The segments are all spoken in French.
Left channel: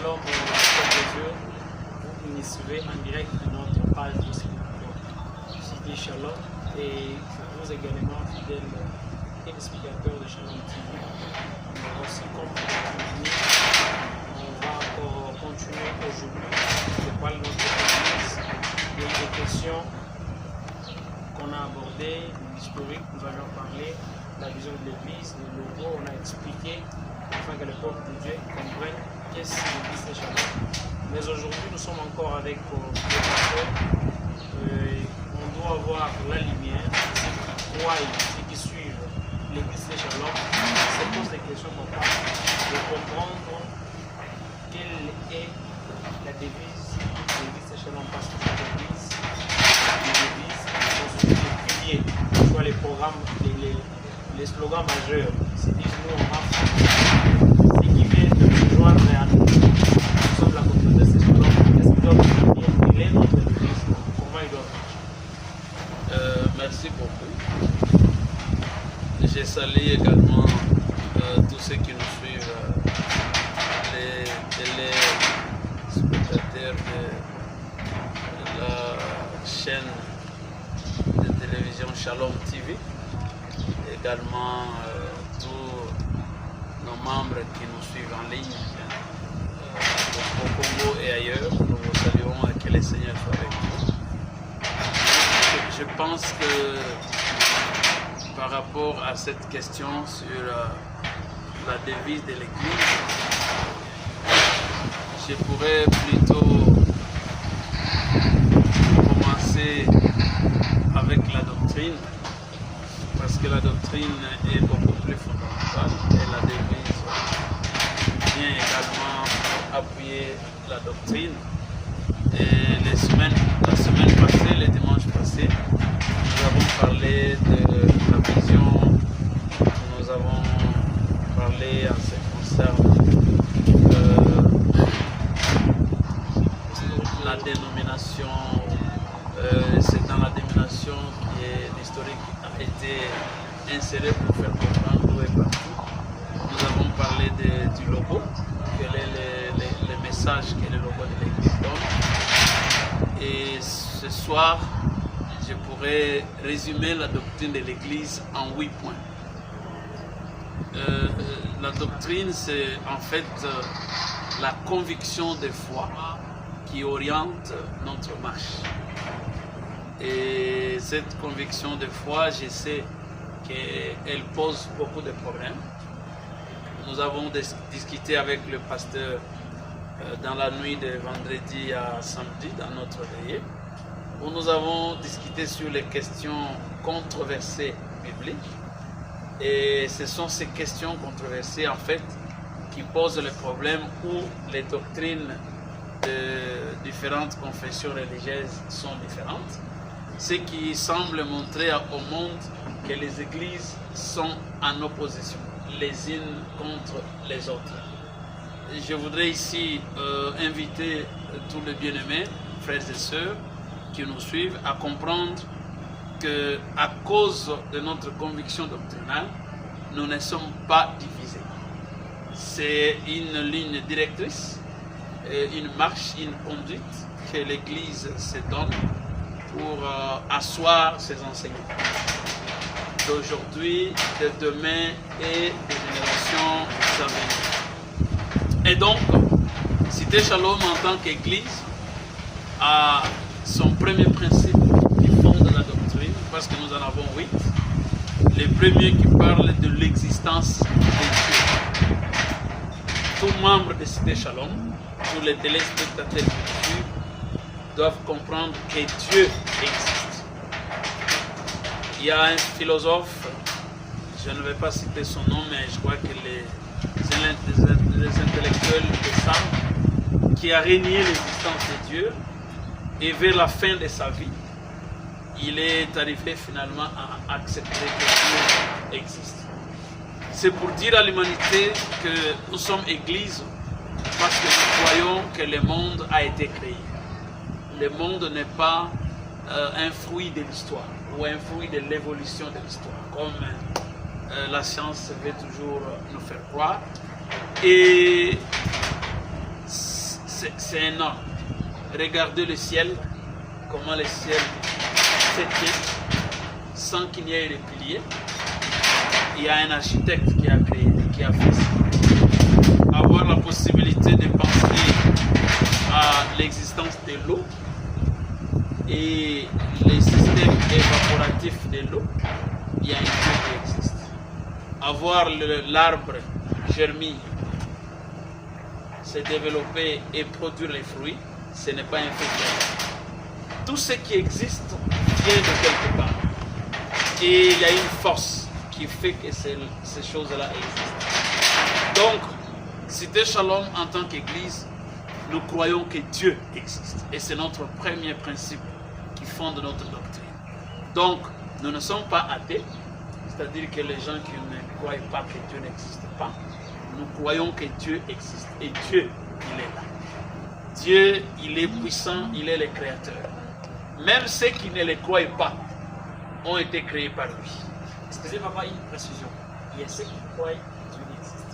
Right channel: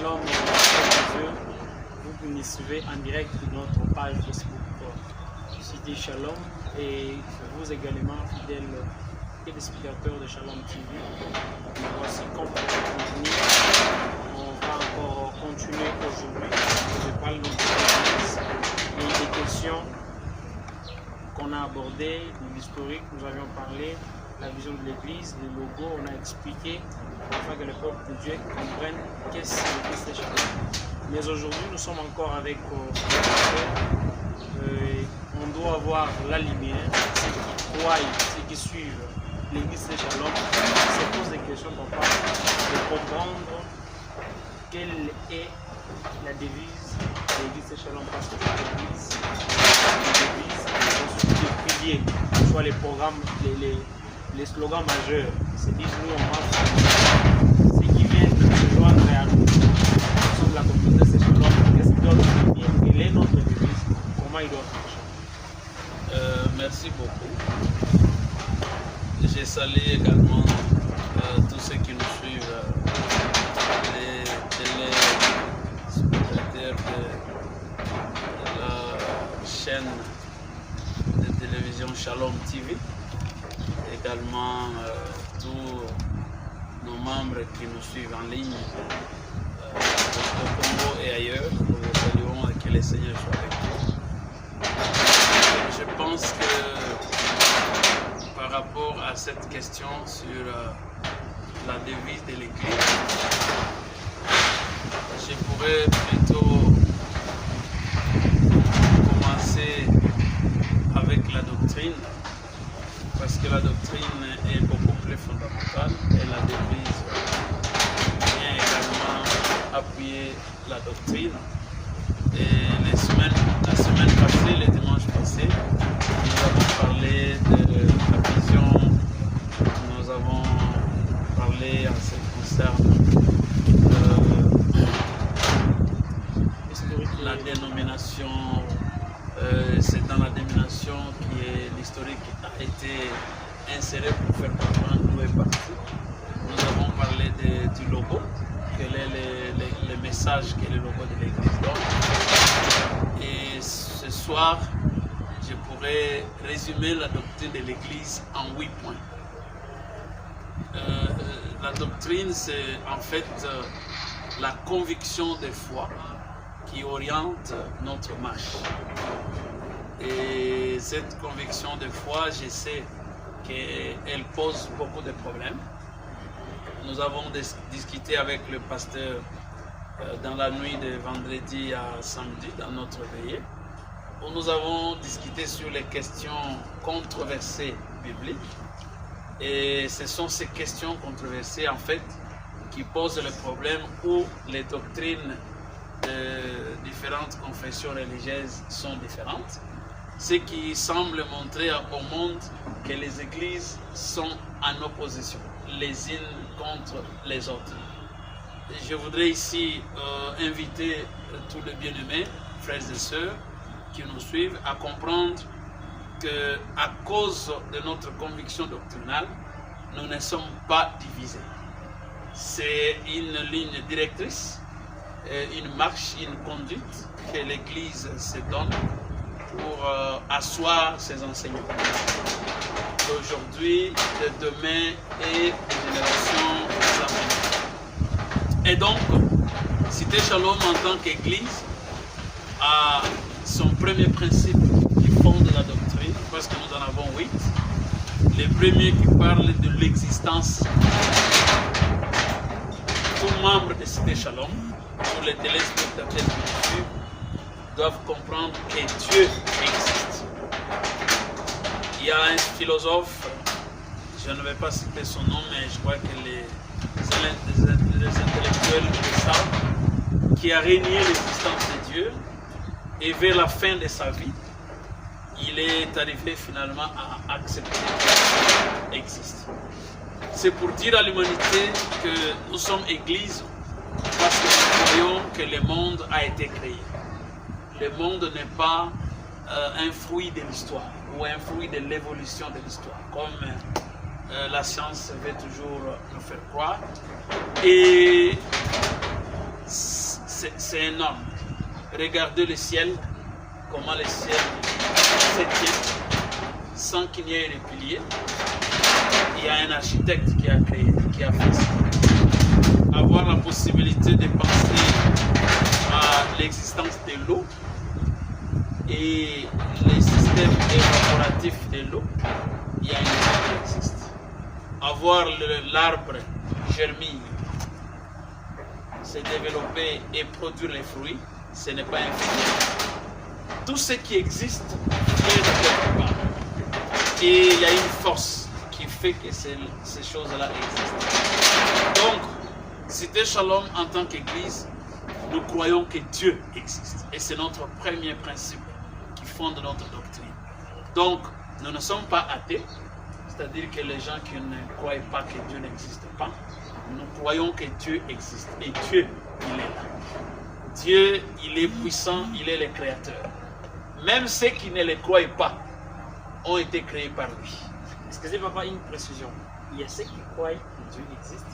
Shalom, chers de Dieu. Vous nous suivez en direct de notre page Facebook Cité Shalom et vous également fidèles téléspectateurs de Shalom TV. Nous voici comme convenu. On va encore continuer aujourd'hui. Je parle de notre église et des questions qu'on a abordées, l'historique, nous avions parlé, la vision de l'église, le logo, on a expliqué afin que le peuple de Dieu comprenne qu'est-ce que l'église de Shalom. Mais aujourd'hui, nous sommes encore avec le pasteur. On doit avoir la lumière. Ceux qui croient, ceux qui suivent l'église de Shalom se posent des questions pour pas de comprendre quelle est la devise de l'église de Shalom. Parce que cette église, les devises constituent des piliers, soit les programmes, les slogans majeurs. C'est disent nous on marche. Ceux qui viennent se joindre à nous, nous sommes la communauté de Shalom. Qu'est-ce qu'ils doivent dire? Quelle est notre devise? Comment ils doivent marcher? Merci beaucoup. J'ai salué également tous ceux qui nous suivent, les téléspectateurs de la chaîne de télévision Shalom TV, également tous nos membres qui nous suivent en ligne au Congo et ailleurs. Nous vous saluons et que le Seigneur soit avec vous. Je pense que par rapport à cette question sur la devise de l'Église, je pourrais plutôt commencer avec la doctrine, parce que la doctrine est beaucoup plus fondamentale et la devise vient également appuyer la doctrine. Et la semaine passée, le dimanche passé, nous avons parlé de la vision, nous avons parlé en ce qui concerne la dénomination. C'est dans la dénomination qui est l'historique a été inséré pour faire comprendre d'où est parti. Nous avons parlé du logo, quel est le message que le logo de l'église donne. Et ce soir, je pourrais résumer la doctrine de l'église en 8 points. La doctrine, c'est en fait la conviction de foi qui oriente notre marche. Et cette conviction de foi, je sais qu'elle pose beaucoup de problèmes. Nous avons discuté avec le pasteur dans la nuit de vendredi à samedi, dans notre veillée, où nous avons discuté sur les questions controversées bibliques. Et ce sont ces questions controversées, en fait, qui posent le problème où les doctrines de différentes confessions religieuses sont différentes. Ce qui semble montrer au monde que les églises sont en opposition, les unes contre les autres. Je voudrais ici inviter tous les bien-aimés, frères et sœurs, qui nous suivent, à comprendre qu'à cause de notre conviction doctrinale, nous ne sommes pas divisés. C'est une ligne directrice, une marche, une conduite que l'Église se donne pour asseoir ses enseignements d'aujourd'hui, de demain et des générations à venir. Et donc, Cité Shalom en tant qu'Église a son premier principe qui fonde la doctrine, parce que nous en avons 8. Le premier qui parle de l'existence de Dieu. Tout membre de Cité Shalom, tous les téléspectateurs qui nous suivent, doivent comprendre que Dieu existe. Il y a un philosophe, je ne vais pas citer son nom, mais je crois que les intellectuels le savent, qui a régné l'existence de Dieu, et vers la fin de sa vie, il est arrivé finalement à accepter que Dieu existe. C'est pour dire à l'humanité que nous sommes Église parce que nous croyons que le monde a été créé. Le monde n'est pas un fruit de l'histoire ou un fruit de l'évolution de l'histoire, comme la science veut toujours nous faire croire. Et c'est énorme. Regardez le ciel, comment le ciel se tient, sans qu'il y ait des piliers. Il y a un architecte qui a créé, qui a fait ça. Avoir la possibilité de penser à l'existence de l'eau et les systèmes évaporatifs de l'eau, il y a un Dieu qui existe. Avoir l'arbre germille, se développer et produire les fruits, ce n'est pas un fait. Tout ce qui existe vient de quelque part. Et il y a une force qui fait que ces choses-là existent. Donc, Cité Shalom, en tant qu'Église, nous croyons que Dieu existe. Et c'est notre premier principe qui fonde notre doctrine. Donc, nous ne sommes pas athées, c'est-à-dire que les gens qui ne croient pas que Dieu n'existe pas, nous croyons que Dieu existe. Et Dieu, il est là. Dieu, il est puissant, il est le créateur. Même ceux qui ne le croient pas ont été créés par lui. Excusez papa, une précision. Il y a ceux qui croient que Dieu existe,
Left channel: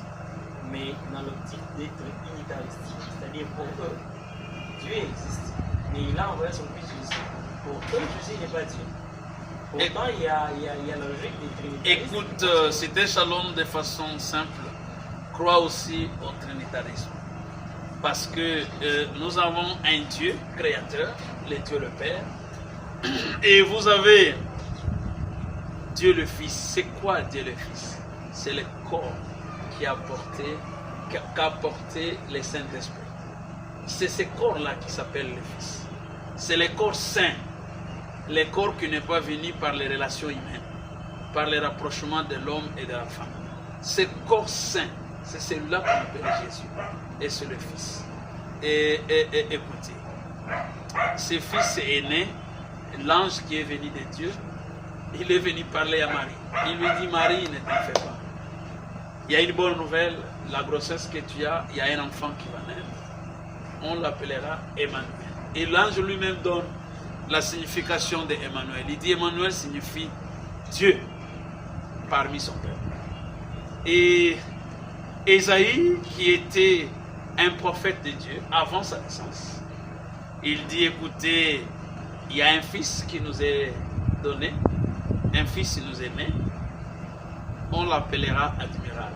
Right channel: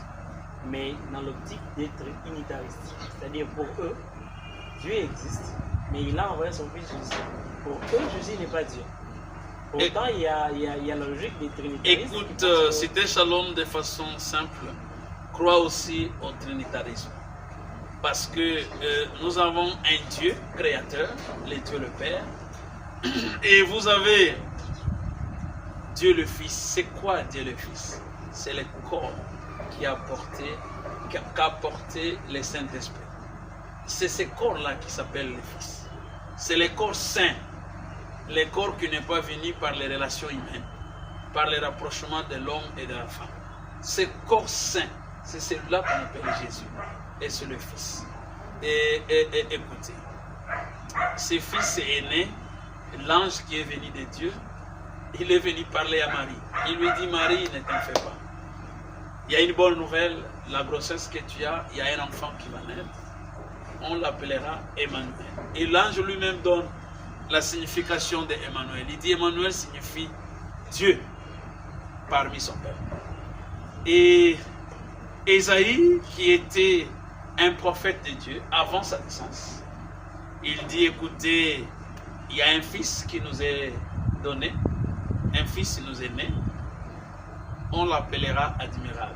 mais dans l'optique d'être unitariste. C'est-à-dire pour eux, Dieu existe, mais il a envoyé son fils Jésus. Pour eux, Jésus n'est pas Dieu. Pourtant, il y a la logique des trinitaristes. Écoute, Cité Shalom de façon simple croit aussi au trinitarisme. Parce que nous avons un Dieu créateur, le Dieu le Père, et vous avez Dieu le Fils. C'est quoi Dieu le Fils? C'est le corps qu'a porté le Saint-Esprit. C'est ce corps-là qui s'appelle le Fils. C'est le corps saint, le corps qui n'est pas venu par les relations humaines, par le rapprochement de l'homme et de la femme. Ce corps saint, c'est celui-là qu'on appelle Jésus. Et c'est le Fils. Et écoutez, ce Fils est né, l'ange qui est venu de Dieu, il est venu parler à Marie. Il lui dit, Marie, ne t'en fais pas. Il y a une bonne nouvelle, la grossesse que tu as, il y a un enfant qui va naître. On l'appellera Emmanuel. Et l'ange lui-même donne la signification d'Emmanuel. Il dit, Emmanuel signifie Dieu parmi son peuple. Et Ésaïe, qui était un prophète de Dieu avant sa naissance, il dit, écoutez, il y a un fils qui nous est donné, un fils nous est né, on l'appellera admirable.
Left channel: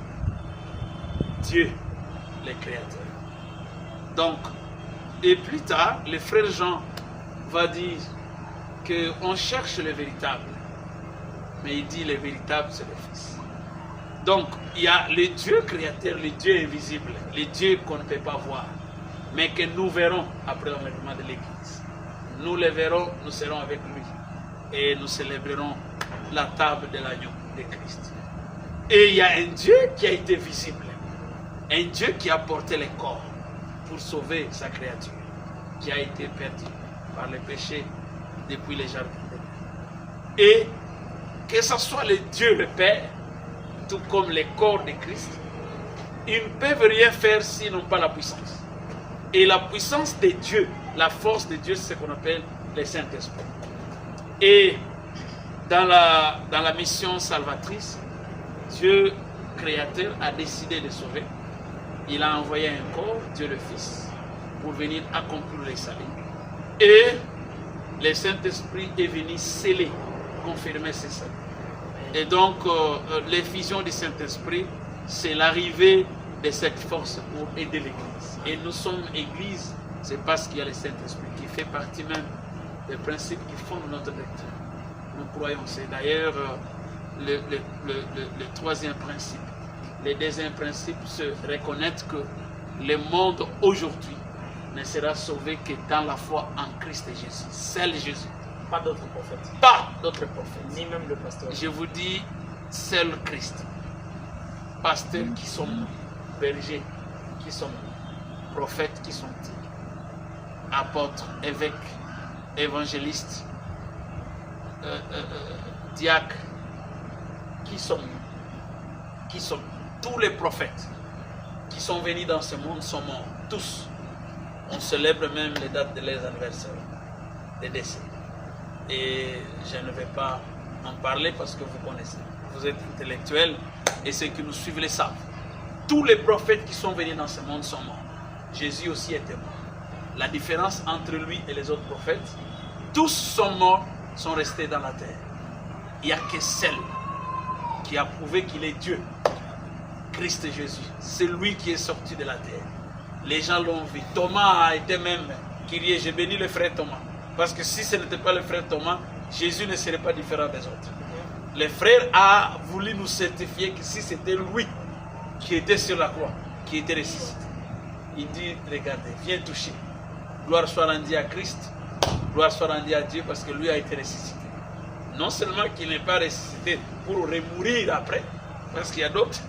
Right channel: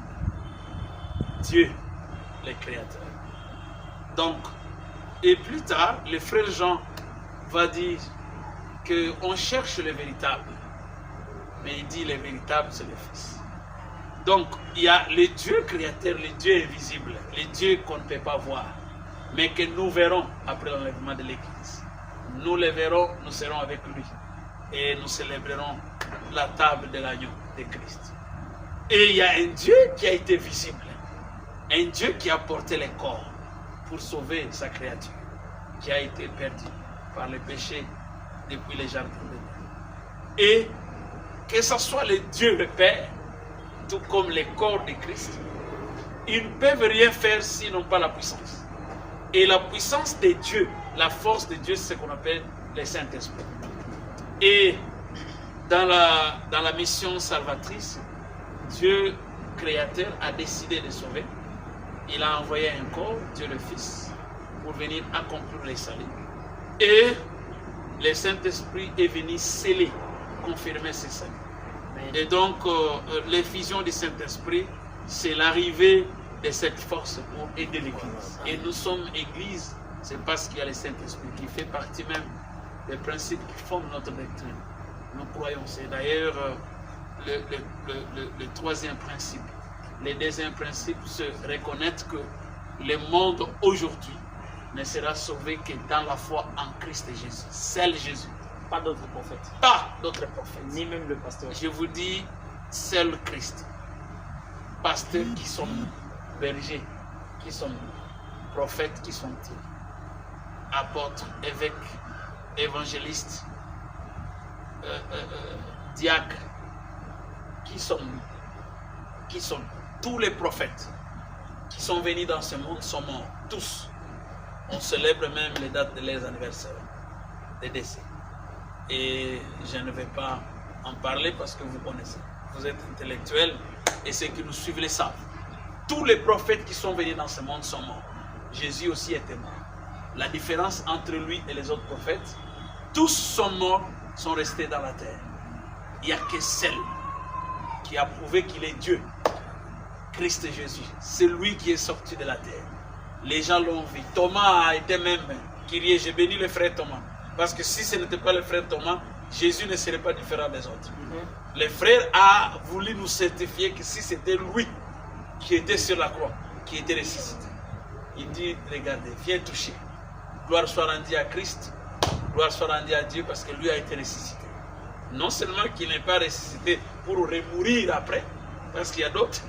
Dieu, le Créateur. Donc, et plus tard, le frère Jean va dire qu'on cherche le véritable, mais il dit le véritable c'est le Fils. Donc, il y a le Dieu créateur, le Dieu invisible, le Dieu qu'on ne peut pas voir, mais que nous verrons après l'enlèvement de l'Église. Nous le verrons, nous serons avec lui et nous célébrerons la table de l'agneau de Christ. Et il y a un Dieu qui a été visible, un Dieu qui a porté le corps pour sauver sa créature, qui a été perdue par le péché depuis les jardins d'Éden. Et que ce soit le Dieu le Père, tout comme le corps de Christ, ils ne peuvent rien faire s'ils n'ont pas la puissance. Et la puissance de Dieu, la force de Dieu, c'est ce qu'on appelle le Saint-Esprit. Et dans la mission salvatrice, Dieu créateur a décidé de sauver. Il a envoyé un corps, Dieu le Fils, pour venir accomplir les salut. Et le Saint-Esprit est venu sceller, confirmer ces saluts. Et donc, l'effusion du Saint-Esprit, c'est l'arrivée de cette force pour aider l'Église. Et nous sommes Église, c'est parce qu'il y a le Saint-Esprit qui fait partie même des principes qui fondent notre doctrine. Nous croyons, c'est d'ailleurs le troisième principe. Le deuxième principe, c'est reconnaître que le monde aujourd'hui ne sera sauvé que dans la foi en Christ Jésus. Seul Jésus. Pas d'autres prophètes. Pas d'autres prophètes. Ni même le pasteur. Je vous dis, seul Christ. Pasteur, qui sommes-nous? Berger, qui sommes-nous? Prophètes, qui sont-ils? Apôtres, évêques, évangélistes, diacres, qui sommes-nous? Qui sommes-nous? Tous les prophètes qui sont venus dans ce monde sont morts. Tous. On célèbre même les dates de leurs anniversaires, des décès. Et je ne vais pas en parler parce que vous connaissez. Vous êtes intellectuels et ceux qui nous suivent le savent. Tous les prophètes qui sont venus dans ce monde sont morts. Jésus aussi était mort. La différence entre lui et les autres prophètes, tous sont morts, sont restés dans la terre. Il n'y a que celle qui a prouvé qu'il est Dieu, Christ Jésus. C'est lui qui est sorti de la terre. Les gens l'ont vu. Thomas a été même crié, j'ai béni le frère Thomas. Parce que si ce n'était pas le frère Thomas, Jésus ne serait pas différent des autres. Le frère a voulu nous certifier que si c'était lui qui était sur la croix, qui était ressuscité. Il dit, regardez, viens toucher. Gloire soit rendue à Christ, gloire soit rendue à Dieu parce que lui a été ressuscité. Non seulement qu'il n'est pas ressuscité pour remourir après, parce qu'il y a d'autres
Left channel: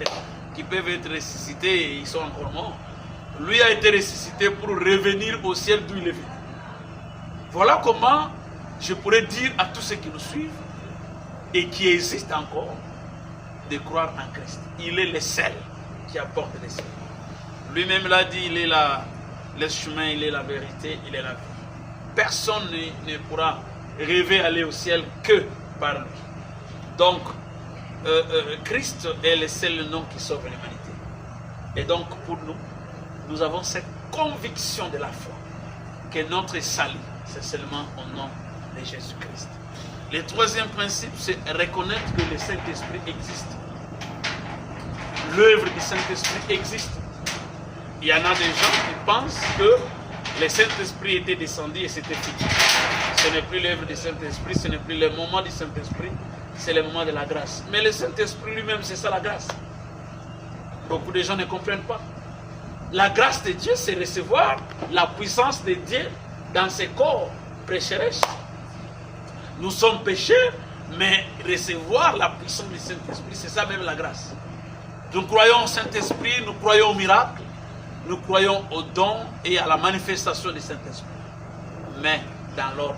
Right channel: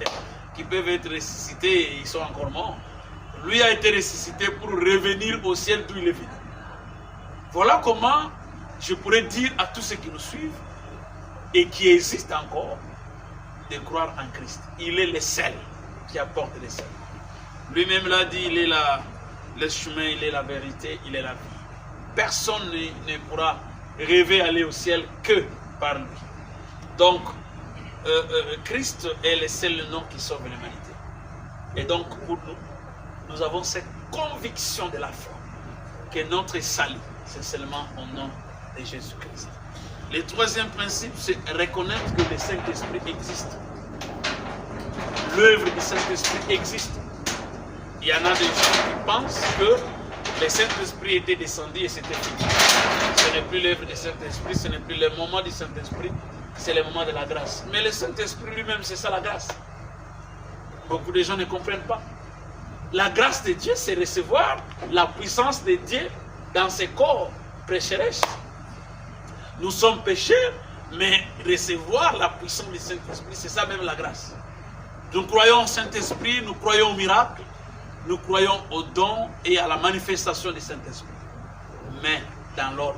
qui peuvent être ressuscités et ils sont encore morts. Lui a été ressuscité pour revenir au ciel d'où il est venu. Voilà comment je pourrais dire à tous ceux qui nous suivent et qui existent encore de croire en Christ. Il est le seul qui apporte le ciel. Lui-même l'a dit, il est le chemin, il est la vérité, il est la vie. Personne ne pourra rêver aller au ciel que par lui. Donc, Christ est le seul nom qui sauve l'humanité. Et donc, pour nous, nous avons cette conviction de la foi que notre salut, c'est seulement au nom de Jésus-Christ. Le troisième principe, c'est reconnaître que le Saint-Esprit existe. L'œuvre du Saint-Esprit existe. Il y en a des gens qui pensent que le Saint-Esprit était descendu et c'était fini. Ce n'est plus l'œuvre du Saint-Esprit, ce n'est plus le moment du Saint-Esprit, c'est le moment de la grâce. Mais le Saint-Esprit lui-même, c'est ça la grâce. Beaucoup de gens ne comprennent pas. La grâce de Dieu, c'est recevoir la puissance de Dieu dans ses corps pécheresse. Nous sommes pécheurs, mais recevoir la puissance du Saint-Esprit, c'est ça même la grâce. Nous croyons au Saint-Esprit, nous croyons au miracle, nous croyons au don et à la manifestation du Saint-Esprit. Mais dans l'ordre.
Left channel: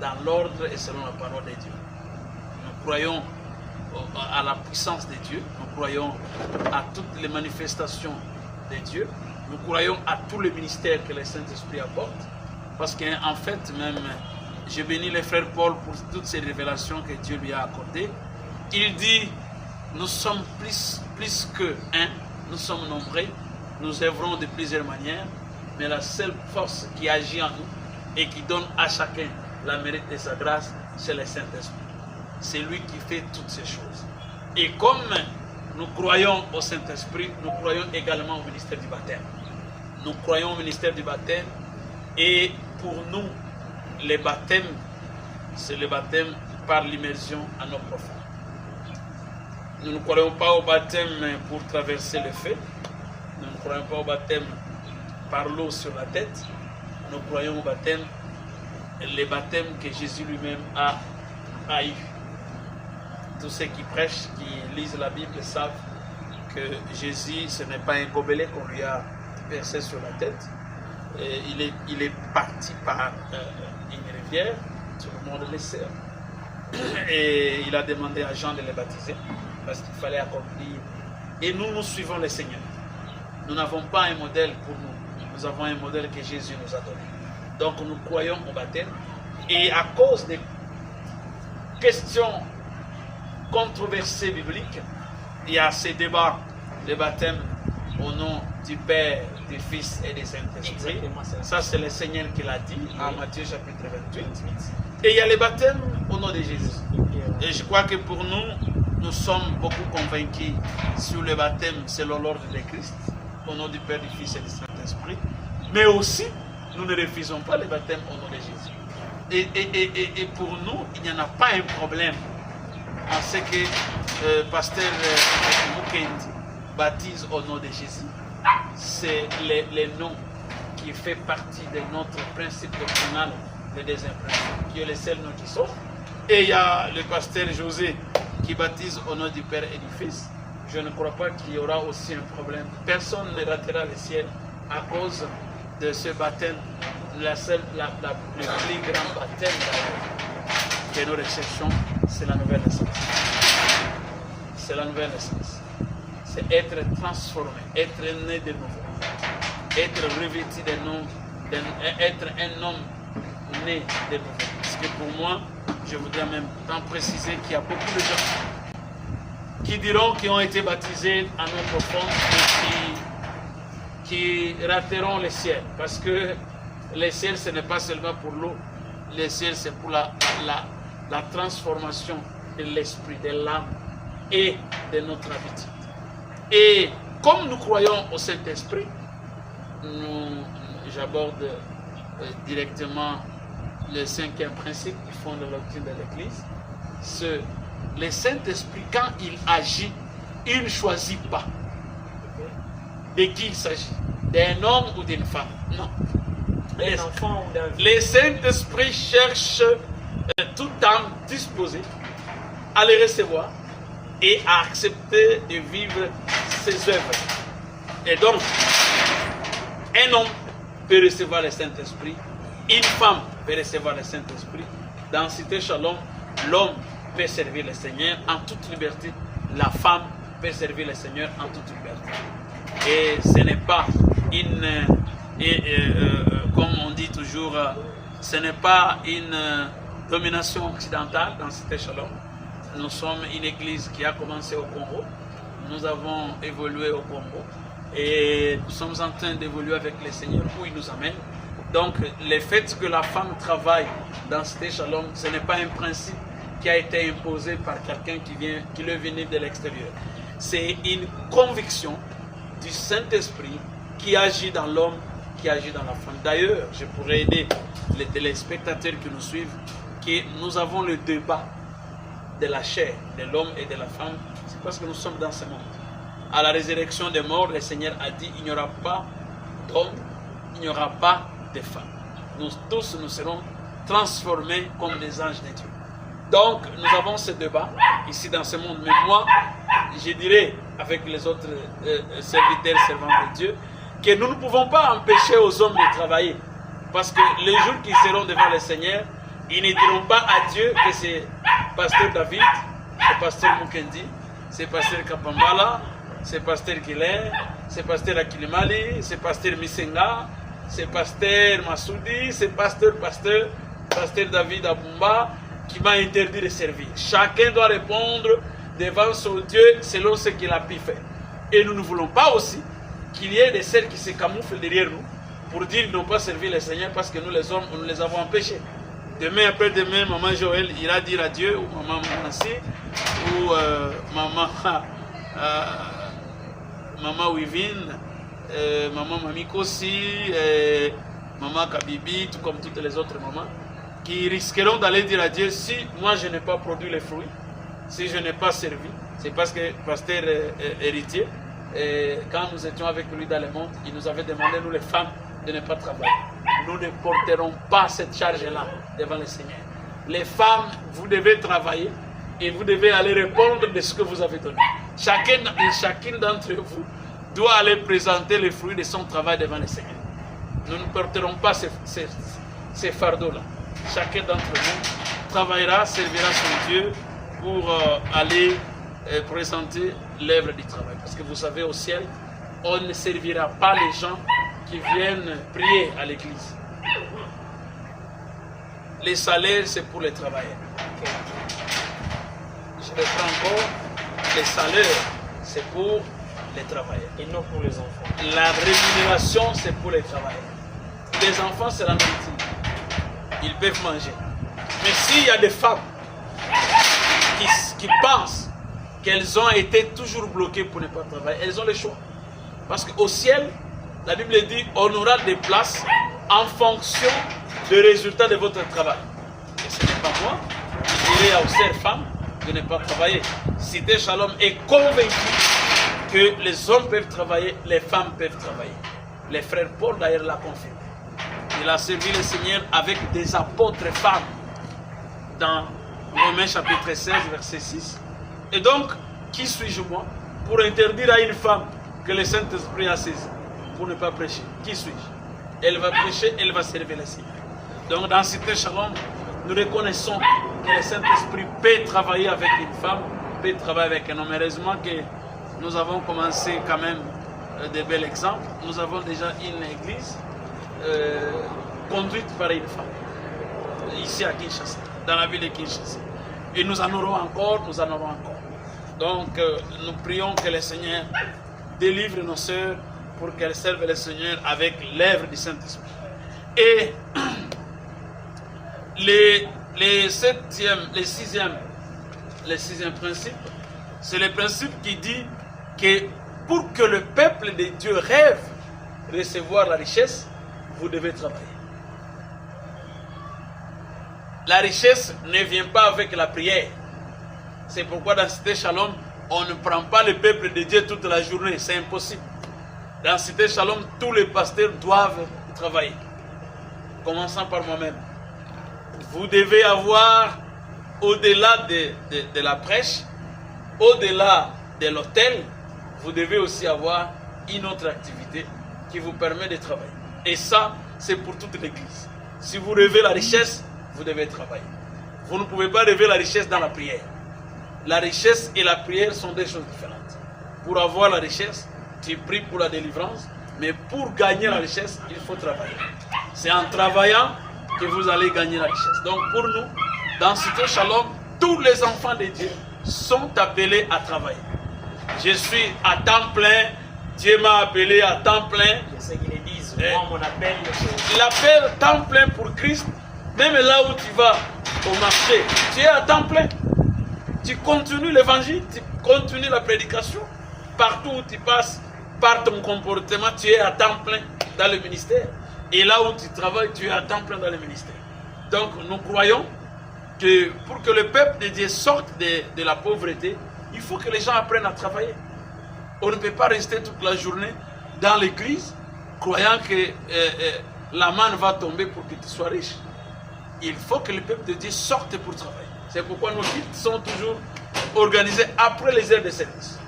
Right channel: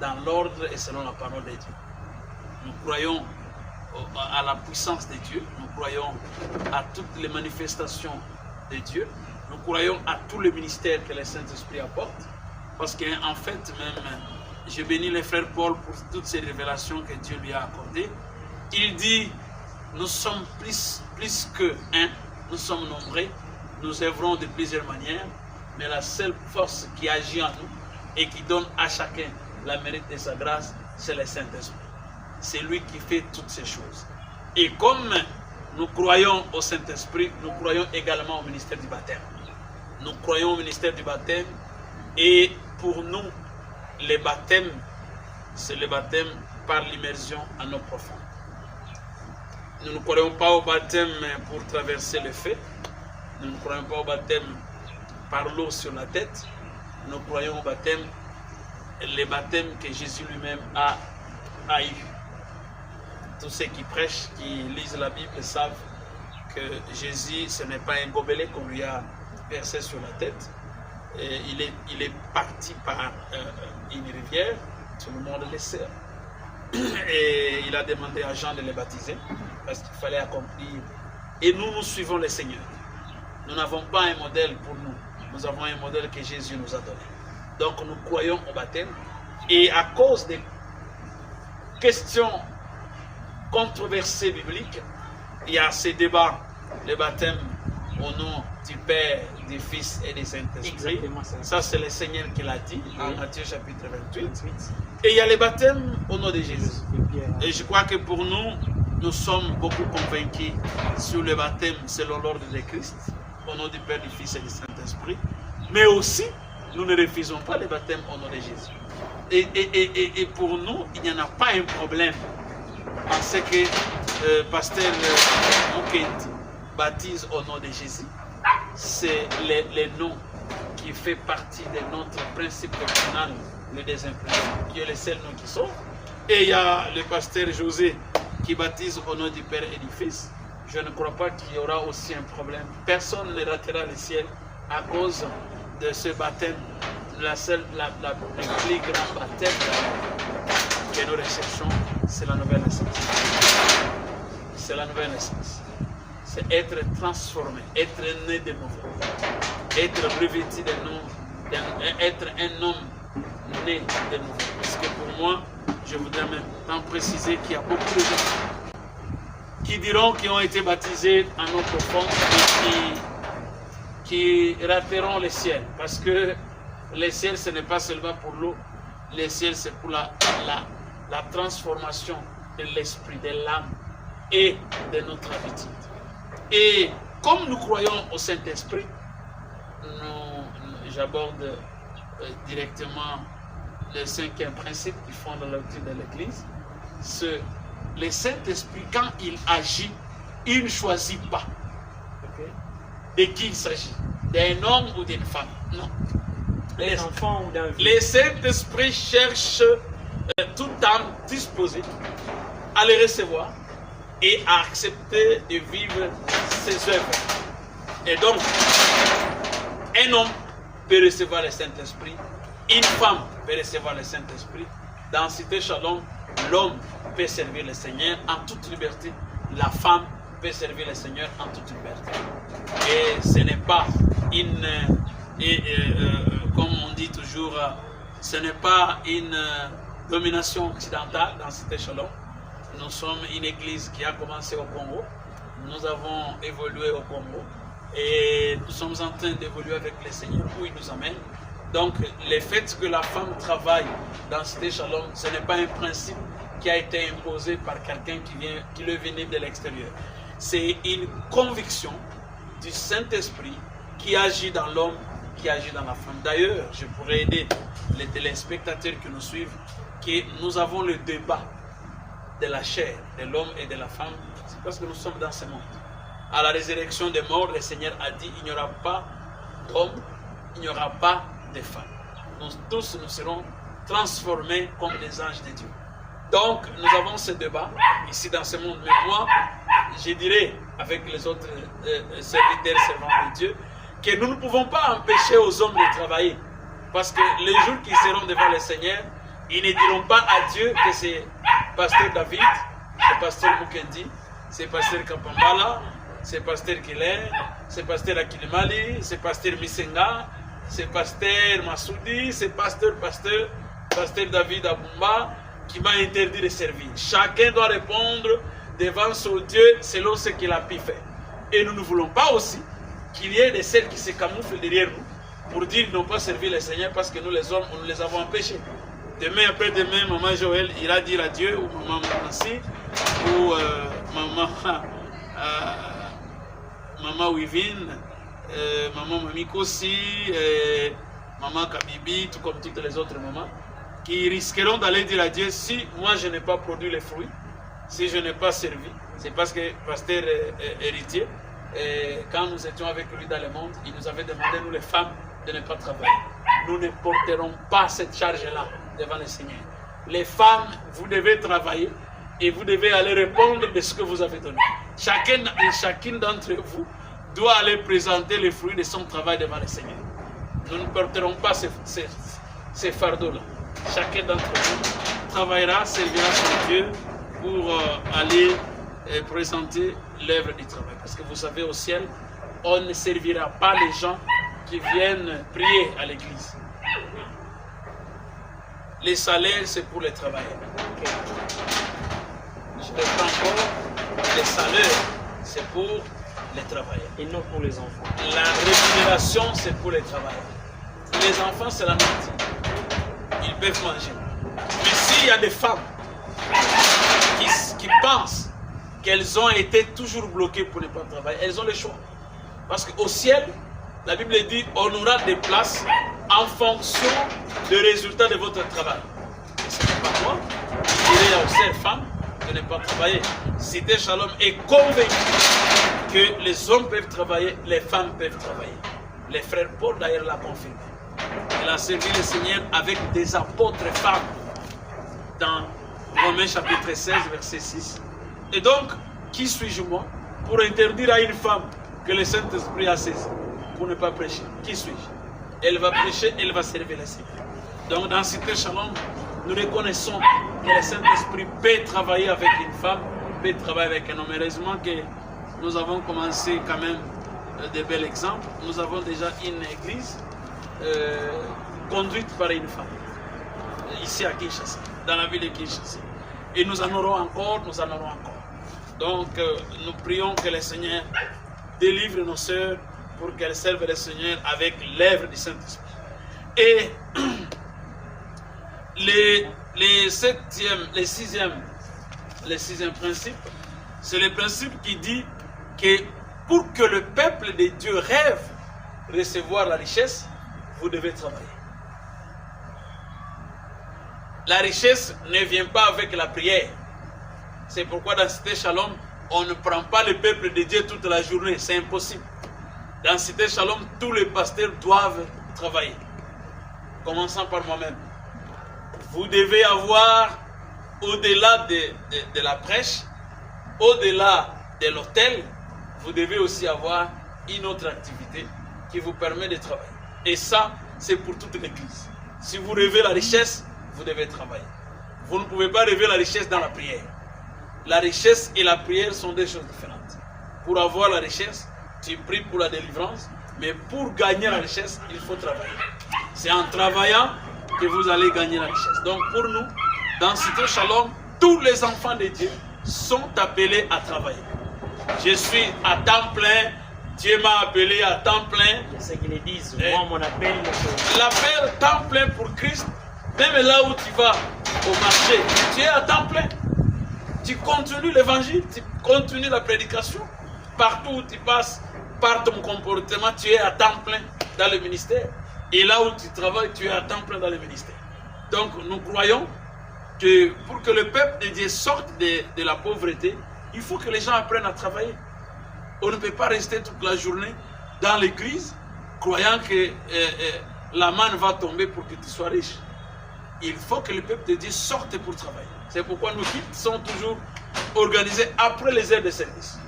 Dans l'ordre et selon la parole de Dieu. Nous croyons à la puissance de Dieu, nous croyons à toutes les manifestations de Dieu, nous croyons à tout le ministère que le Saint-Esprit apporte, parce qu'en fait, même, je bénis le frère Paul pour toutes ces révélations que Dieu lui a accordées. Il dit, nous sommes plus que un, nous sommes nombreux, nous œuvrons de plusieurs manières, mais la seule force qui agit en nous et qui donne à chacun la mérite de sa grâce, c'est le Saint-Esprit. C'est lui qui fait toutes ces choses. Et comme nous croyons au Saint-Esprit, nous croyons également au ministère du baptême. Nous croyons au ministère du baptême et pour nous, le baptême, c'est le baptême par l'immersion en eau profonde. Nous ne croyons pas au baptême pour traverser le feu. Nous ne croyons pas au baptême par l'eau sur la tête. Nous croyons au baptême, le baptême que Jésus lui-même a eu. Tous ceux qui prêchent, qui lisent la Bible savent que Jésus, ce n'est pas un gobelet qu'on lui a versé sur la tête. Et il est parti par une rivière, tout le monde le sait. Et il a demandé à Jean de le baptiser parce qu'il fallait accomplir. Et nous suivons le Seigneur. Nous n'avons pas un modèle pour nous. Nous avons un modèle que Jésus nous a donné. Donc nous croyons au baptême. Et à cause des questions controversées bibliques, il y a ces débats, le baptême au nom du Père, du Fils et du Saint-Esprit. Ça, c'est le Seigneur qui l'a dit en Matthieu chapitre 28. Et il y a le baptême au nom de Jésus. Et je crois que pour nous, nous sommes beaucoup convaincus sur le baptême selon l'ordre de Christ, au nom du Père, du Fils et du Saint-Esprit. Mais aussi, nous ne refusons pas le baptême au nom de Jésus. Et pour nous, il n'y en a pas un problème à ce que pasteur Mukendi baptise au nom de Jésus. C'est le nom qui fait partie de notre principe doctrinal, le deuxième principe, qui est le seul nom qui sauve. Et il y a le pasteur José qui baptise au nom du Père et du Fils. Je ne crois pas qu'il y aura aussi un problème. Personne ne ratera le ciel à cause de ce baptême, le plus grand baptême que nous recherchons, c'est la nouvelle naissance. C'est la nouvelle naissance. C'est être transformé, être né de nouveau, être revêtu de nous, être un homme né de nouveau. Parce que pour moi, je voudrais même tant préciser qu'il y a beaucoup de gens qui diront qu'ils ont été baptisés en eau profonde et qui rateront le ciel. Parce que le ciel, ce n'est pas seulement pour l'eau. Le ciel, c'est pour la transformation de l'esprit, de l'âme et de notre habitude. Et comme nous croyons au Saint-Esprit, j'aborde directement le 5e principe qui fonde la doctrine de l'Église. Le Saint-Esprit, quand il agit, il ne choisit pas de qui il s'agit, d'un homme ou d'une femme. Non. D'un enfant ou d'un vieux. Le Saint-Esprit cherche toute âme disposée à les recevoir et à accepter de vivre ses œuvres. Et donc, un homme peut recevoir le Saint-Esprit, une femme peut recevoir le Saint-Esprit. Dans Cité Shalom, l'homme peut servir le Seigneur en toute liberté, la femme peut servir le Seigneur en toute liberté. Et ce n'est pas comme on dit toujours, ce n'est pas une domination occidentale dans Cité Shalom. Nous sommes une église qui a commencé au Congo. Nous avons évolué au Congo. Et nous sommes en train d'évoluer avec le Seigneur où il nous amène. Donc, le fait que la femme travaille dans Cité Shalom, ce n'est pas un principe qui a été imposé par quelqu'un qui le venait de l'extérieur. C'est une conviction du Saint-Esprit qui agit dans l'homme, qui agit dans la femme. D'ailleurs, je pourrais aider les téléspectateurs qui nous suivent, que nous avons le débat de la chair, de l'homme et de la femme. C'est parce que nous sommes dans ce monde. À la résurrection des morts, le Seigneur a dit, il n'y aura pas d'homme, il n'y aura pas de femme. Nous tous, nous serons transformés comme des anges de Dieu. Donc, nous avons ce débat ici dans ce monde. Mais moi, je dirais, avec les autres serviteurs, servants de Dieu, que nous ne pouvons pas empêcher aux hommes de travailler. Parce que les jours qui seront devant le Seigneur, ils ne diront pas à Dieu que c'est pasteur David, c'est pasteur Mukendi, c'est pasteur Kapambala, c'est pasteur Kiler, c'est pasteur Akilimali, c'est pasteur Misenga, c'est pasteur Massoudi, c'est pasteur David Abumba qui m'a interdit de servir. Chacun doit répondre devant son Dieu selon ce qu'il a pu faire. Et nous ne voulons pas aussi qu'il y ait des celles qui se camouflent derrière nous pour dire qu'ils n'ont pas servi le Seigneur parce que nous les hommes, nous les avons empêchés. Demain, après-demain, maman Joël ira dire adieu, ou maman Nancy, ou maman Wivine, maman Mamikosi, maman Kabibi, tout comme toutes les autres mamans, qui risqueront d'aller dire à Dieu, si moi je n'ai pas produit les fruits, si je n'ai pas servi, c'est parce que pasteur héritier, quand nous étions avec lui dans le monde, il nous avait demandé, nous les femmes, de ne pas travailler. Nous ne porterons pas cette charge-là devant le Seigneur. Les femmes, vous devez travailler et vous devez aller répondre de ce que vous avez donné. Chacun et chacune d'entre vous doit aller présenter les fruits de son travail devant le Seigneur. Nous ne porterons pas ces fardeaux-là. Chacun d'entre vous travaillera, servira son Dieu pour aller présenter l'œuvre du travail. Parce que vous savez, au ciel, on ne servira pas les gens qui viennent prier à l'église. Les salaires, c'est pour les travailleurs. Okay. Je reprends encore. Les salaires, c'est pour les travailleurs. Et non pour les enfants. La rémunération, c'est pour les travailleurs. Les enfants, c'est la nourriture. Ils peuvent manger. Mais s'il y a des femmes qui pensent qu'elles ont été toujours bloquées pour ne pas travailler, elles ont le choix. Parce qu'au ciel, la Bible dit, on aura des places en fonction du résultat de votre travail. Et ce n'est pas moi, je dirais aux sœurs femmes de ne pas travailler. Cité Shalom est convaincu que les hommes peuvent travailler, les femmes peuvent travailler. Les frères Paul d'ailleurs l'a confirmé. Il a servi le Seigneur avec des apôtres femmes dans Romains chapitre 16, verset 6. Et donc, qui suis-je moi pour interdire à une femme que le Saint-Esprit a saisi pour ne pas prêcher? Qui suis-je? Elle va prêcher, elle va servir le Seigneur. Donc dans Cité Shalom, nous reconnaissons que le Saint-Esprit peut travailler avec une femme, peut travailler avec un homme. Heureusement que nous avons commencé quand même de bels exemples. Nous avons déjà une église conduite par une femme, ici à Kinshasa, dans la ville de Kinshasa. Et nous en aurons encore, nous en aurons encore. Donc nous prions que le Seigneur délivre nos sœurs pour qu'elle serve le Seigneur avec l'œuvre du Saint-Esprit. Et le sixième principe, c'est le principe qui dit que pour que le peuple de Dieu rêve recevoir la richesse, vous devez travailler. La richesse ne vient pas avec la prière. C'est pourquoi dans Cité Shalom, on ne prend pas le peuple de Dieu toute la journée. C'est impossible. Dans Cité Shalom, tous les pasteurs doivent travailler. Commençant par moi-même. Vous devez avoir, au-delà de la prêche, au-delà de l'hôtel, vous devez aussi avoir une autre activité qui vous permet de travailler. Et ça, c'est pour toute l'Église. Si vous rêvez la richesse, vous devez travailler. Vous ne pouvez pas rêver la richesse dans la prière. La richesse et la prière sont des choses différentes. Pour avoir la richesse, tu pries pour la délivrance, mais pour gagner la richesse, il faut travailler. C'est en travaillant que vous allez gagner la richesse. Donc pour nous, dans Cité Shalom, tous les enfants de Dieu sont appelés à travailler. Je suis à temps plein, Dieu m'a appelé à temps plein. Je sais qu'ils le disent, moi mon appel. L'appel temps plein pour Christ, même là où tu vas au marché, tu es à temps plein. Tu continues l'évangile, tu continues la prédication. Partout où tu passes, par ton comportement, tu es à temps plein dans le ministère. Et là où tu travailles, tu es à temps plein dans le ministère. Donc nous croyons que pour que le peuple de Dieu sorte de la pauvreté, il faut que les gens apprennent à travailler. On ne peut pas rester toute la journée dans l'église croyant que la manne va tomber pour que tu sois riche. Il faut que le peuple de Dieu sorte pour travailler. C'est pourquoi nos cultes sont toujours organisés après les heures de service.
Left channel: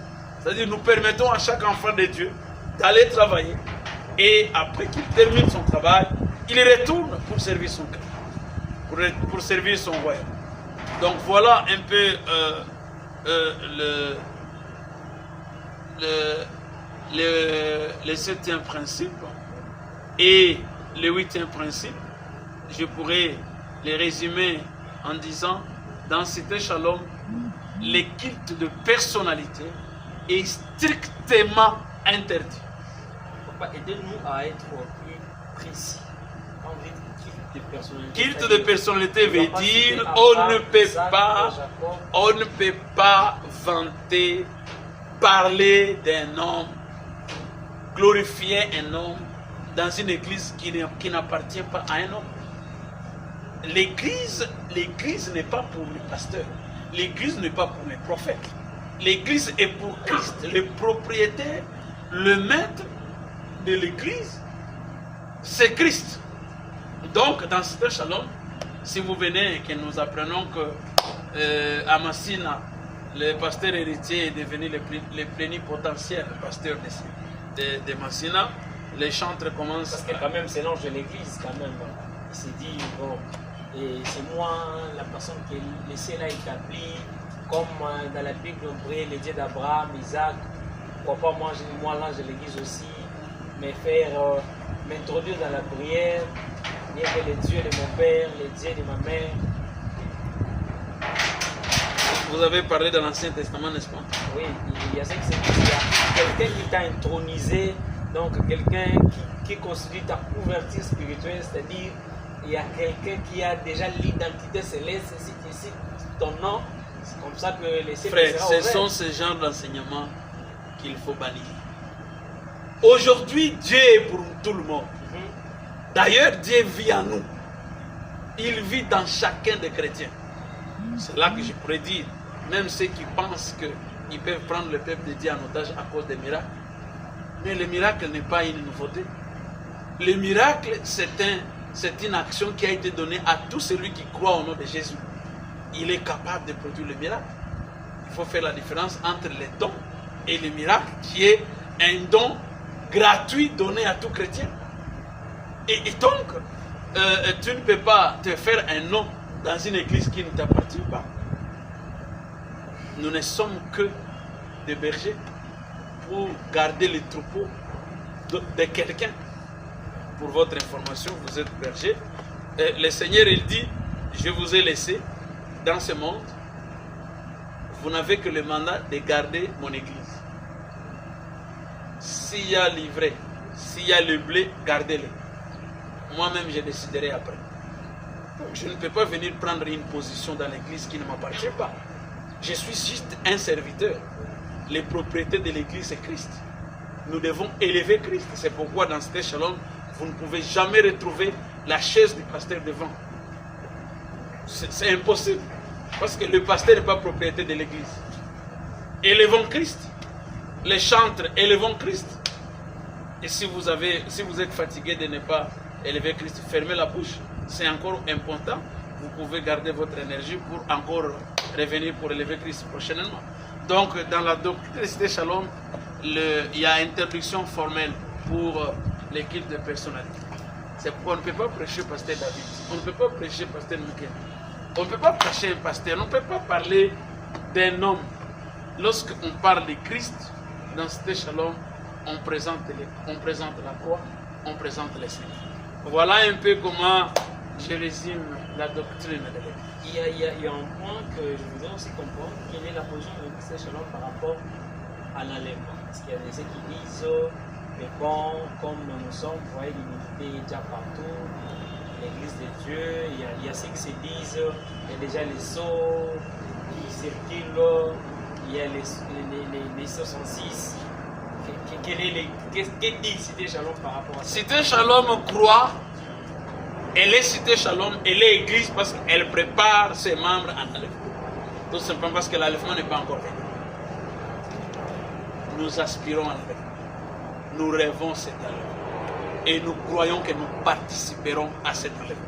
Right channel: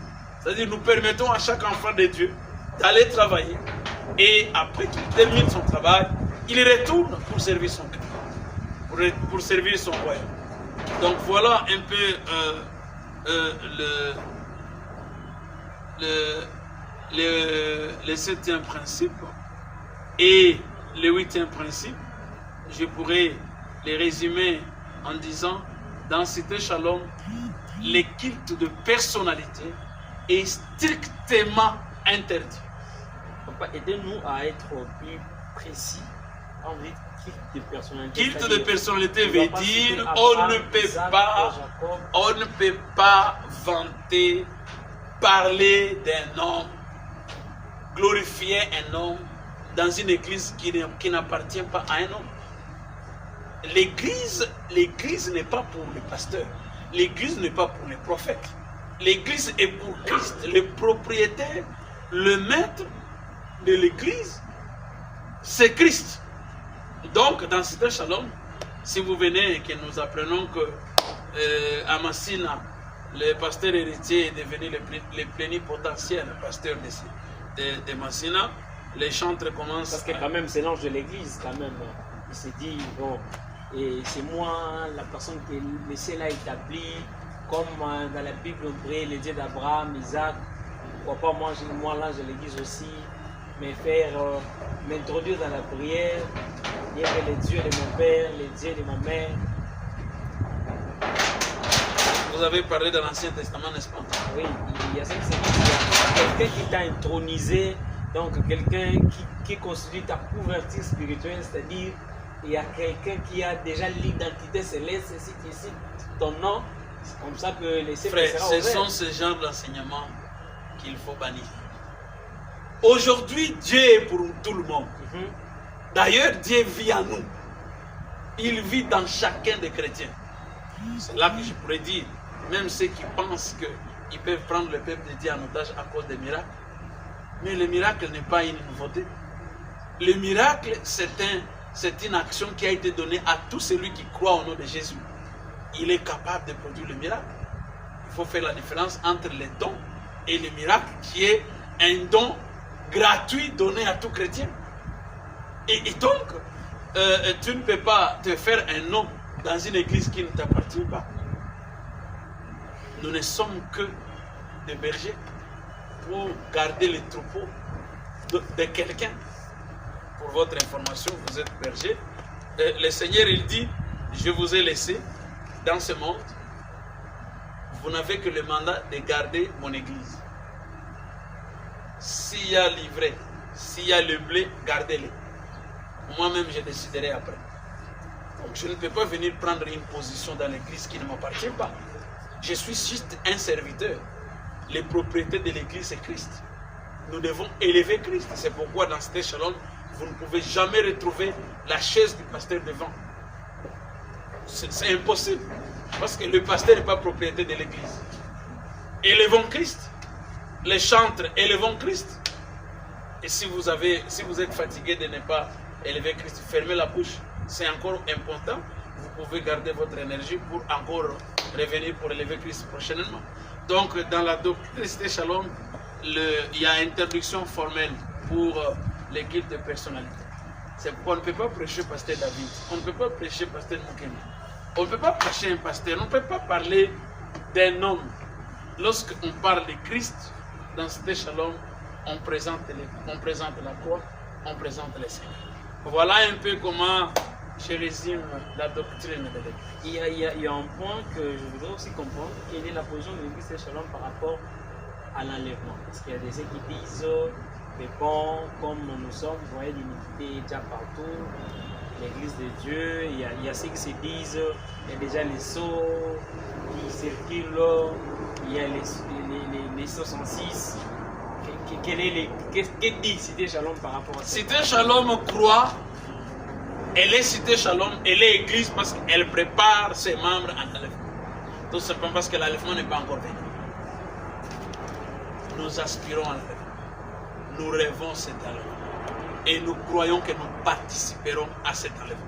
C'est-à-dire nous permettons à chaque enfant de Dieu d'aller travailler et après qu'il termine son travail, il retourne pour servir son cœur, pour servir son royaume. Donc voilà un peu le septième principe. Et le huitième principe, je pourrais les résumer en disant, dans Cité Shalom, le culte de personnalité est strictement interdit. Papa, aidez-nous à être plus précis. Quand vous dites culte de personnalité, culte de personnalité veut dire on ne peut pas vanter, parler d'un homme, glorifier un homme dans une église qui n'appartient pas à un homme. L'église n'est pas pour les pasteurs. L'église n'est pas pour les prophètes. L'église est pour Christ. Le propriétaire, le maître de l'église, c'est Christ. Donc, dans Cité Shalom, si vous venez et que nous apprenons que à Massina, le pasteur héritier est devenu le plénipotentiaire, le pasteur de Massina, les chantres commencent. Parce que quand même, c'est l'ange de l'église, quand même. Il s'est dit, bon, et c'est moi, la personne qui est le ciel a établi, comme dans la Bible, on prie le Dieu d'Abraham, Isaac. Pourquoi pas moi l'ange de l'église aussi, m'introduire dans la prière, dire que le Dieu de mon père, le Dieu de ma mère. Vous avez parlé de l'Ancien Testament, n'est-ce pas? Oui, il y a ce qui se dit, il y a quelqu'un qui t'a intronisé, donc quelqu'un qui constitue ta couverture spirituelle, c'est-à-dire il y a quelqu'un qui a déjà l'identité céleste, si tu cites ton nom, c'est comme ça que les cieux seront ouverts. Ce sont ce genre d'enseignements qu'il faut bannir. Aujourd'hui, Dieu est pour tout le monde. D'ailleurs, Dieu vit en nous. Il vit dans chacun des chrétiens. C'est là que je pourrais dire, même ceux qui pensent qu'ils peuvent prendre le peuple de Dieu en otage à cause des miracles. Mais le miracle n'est pas une nouveauté. Le miracle, c'est une action qui a été donnée à tout celui qui croit au nom de Jésus. Il est capable de produire le miracle. Il faut faire la différence entre les dons et le miracle, qui est un don gratuit donné à tout chrétien. Et donc, tu ne peux pas te faire un nom dans une église qui ne t'appartient pas. Nous ne sommes que des bergers pour garder les troupeaux de quelqu'un. Pour votre information, vous êtes berger. Le Seigneur, il dit, je vous ai laissé dans ce monde. Vous n'avez que le mandat de garder mon église. s'il y a l'ivraie, s'il y a le blé, gardez-les. Moi-même, je déciderai après. Donc, je ne peux pas venir prendre une position dans l'église qui ne m'appartient pas. Je suis juste un serviteur. Les propriétés de l'église, c'est Christ. Nous devons élever Christ. C'est pourquoi dans Cité Shalom, vous ne pouvez jamais retrouver la chaise du pasteur devant. C'est impossible. Parce que le pasteur n'est pas propriété de l'église. Élevons Christ. Les chantres, élevons Christ. Et si vous êtes fatigué de ne pas élever Christ, fermez la bouche. C'est encore important. Vous pouvez garder votre énergie pour encore revenir pour élever Christ prochainement. Donc, dans la doctrine de Cité Shalom, il y a interdiction formelle pour l'équipe de personnalité. C'est pourquoi on ne peut pas prêcher pasteur David. On ne peut pas prêcher pasteur Moukemi. On ne peut pas prêcher un pasteur. On ne peut pas parler d'un homme. Lorsqu'on parle de Christ, dans Cité Shalom, on présente la croix, on présente les saints. Voilà un peu comment je résume la doctrine de l'Église. Il y a un point que je voudrais aussi comprendre. Quelle est la position de l'Église Cité Shalom par rapport à l'enlèvement? Parce qu'il y a des ceux qui disent, mais bon, comme nous sommes, vous voyez l'unité déjà partout, l'Église de Dieu, il y a ceux qui se disent, il y a déjà les sceaux qui circulent, il y a les 66. Qu'est-ce dit Cité Shalom par rapport à ça? Cité Shalom croit, elle est Cité Shalom, elle est église parce qu'elle prépare ses membres à l'enlèvement. Tout simplement parce que l'enlèvement n'est pas encore venu. Nous aspirons à l'enlèvement. Nous rêvons cet enlèvement. Et nous croyons que nous participerons à cet enlèvement.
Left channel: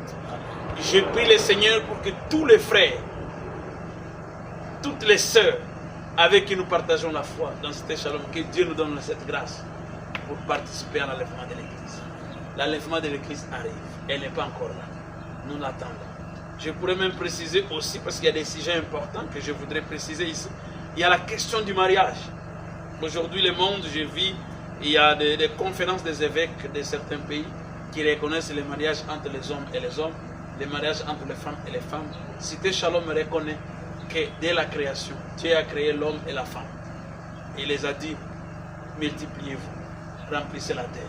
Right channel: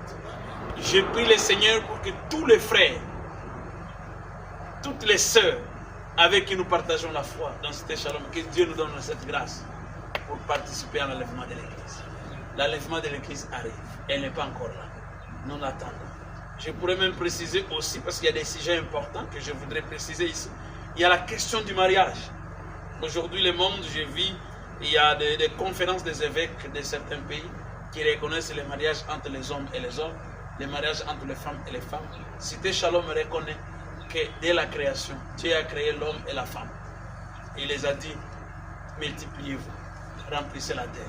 Je prie le Seigneur pour que tous les frères, toutes les sœurs avec qui nous partageons la foi dans Cité Shalom, que Dieu nous donne cette grâce pour participer à l'enlèvement de l'Église. L'enlèvement de l'Église arrive. Elle n'est pas encore là. Nous l'attendons. Je pourrais même préciser aussi, parce qu'il y a des sujets importants que je voudrais préciser ici. Il y a la question du mariage. Aujourd'hui, le monde, je vis, il y a des conférences des évêques de certains pays qui reconnaissent les mariages entre les hommes et les hommes, les mariages entre les femmes et les femmes. Cité Shalom reconnaît que dès la création, Dieu a créé l'homme et la femme. Il les a dit, multipliez-vous, remplissez la terre.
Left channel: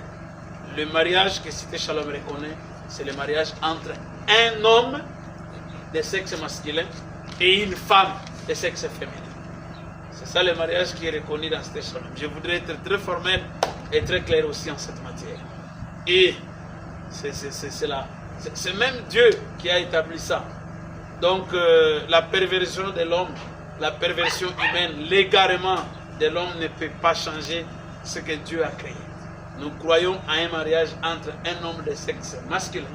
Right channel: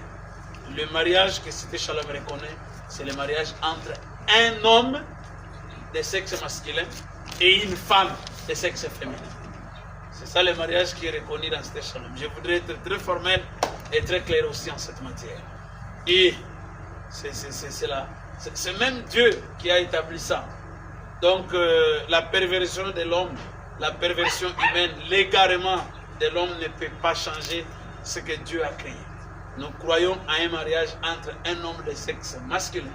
Le mariage que Cité Shalom reconnaît, c'est le mariage entre un homme de sexe masculin et une femme de sexe féminin. C'est ça le mariage qui est reconnu dans Cité Shalom. Je voudrais être très formel et très clair aussi en cette matière. Et c'est même Dieu qui a établi ça. Donc la perversion de l'homme, la perversion humaine, l'égarement de l'homme ne peut pas changer ce que Dieu a créé. Nous croyons à un mariage entre un homme de sexe masculin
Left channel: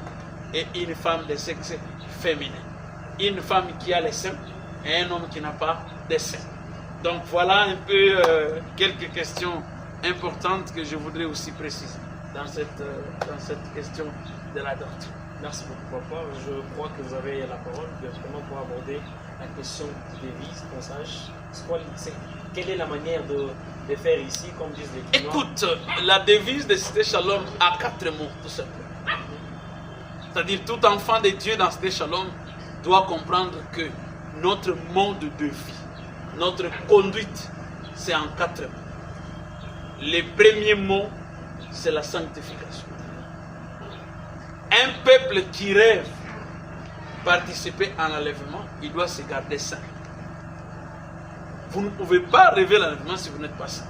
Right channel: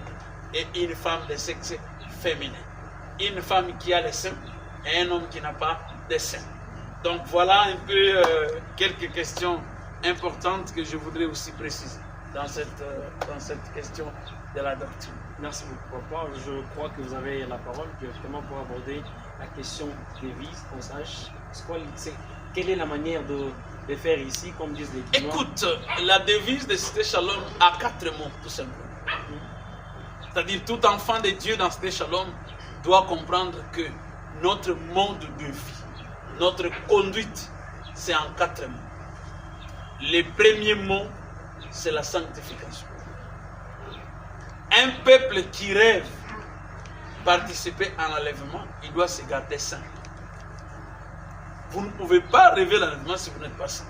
et une femme de sexe féminin. Une femme qui a les seins et un homme qui n'a pas de seins. Donc voilà un peu quelques questions importantes que je voudrais aussi préciser dans cette question de la doctrine. Merci beaucoup, papa. Je crois que vous avez la parole directement pour aborder la question des devises, qu'on sache quelle est la manière de faire ici, comme disent les Quinois. Écoute, la devise de Cité Shalom a 4 mots, tout simplement. C'est-à-dire, tout enfant de Dieu dans Cité Shalom doit comprendre que notre mode de vie, notre conduite, c'est en 4 mots. Le premier mot, c'est la sanctification. Un peuple qui rêve participer à l'enlèvement, il doit se garder saint. Vous ne pouvez pas rêver l'enlèvement si vous n'êtes pas saint.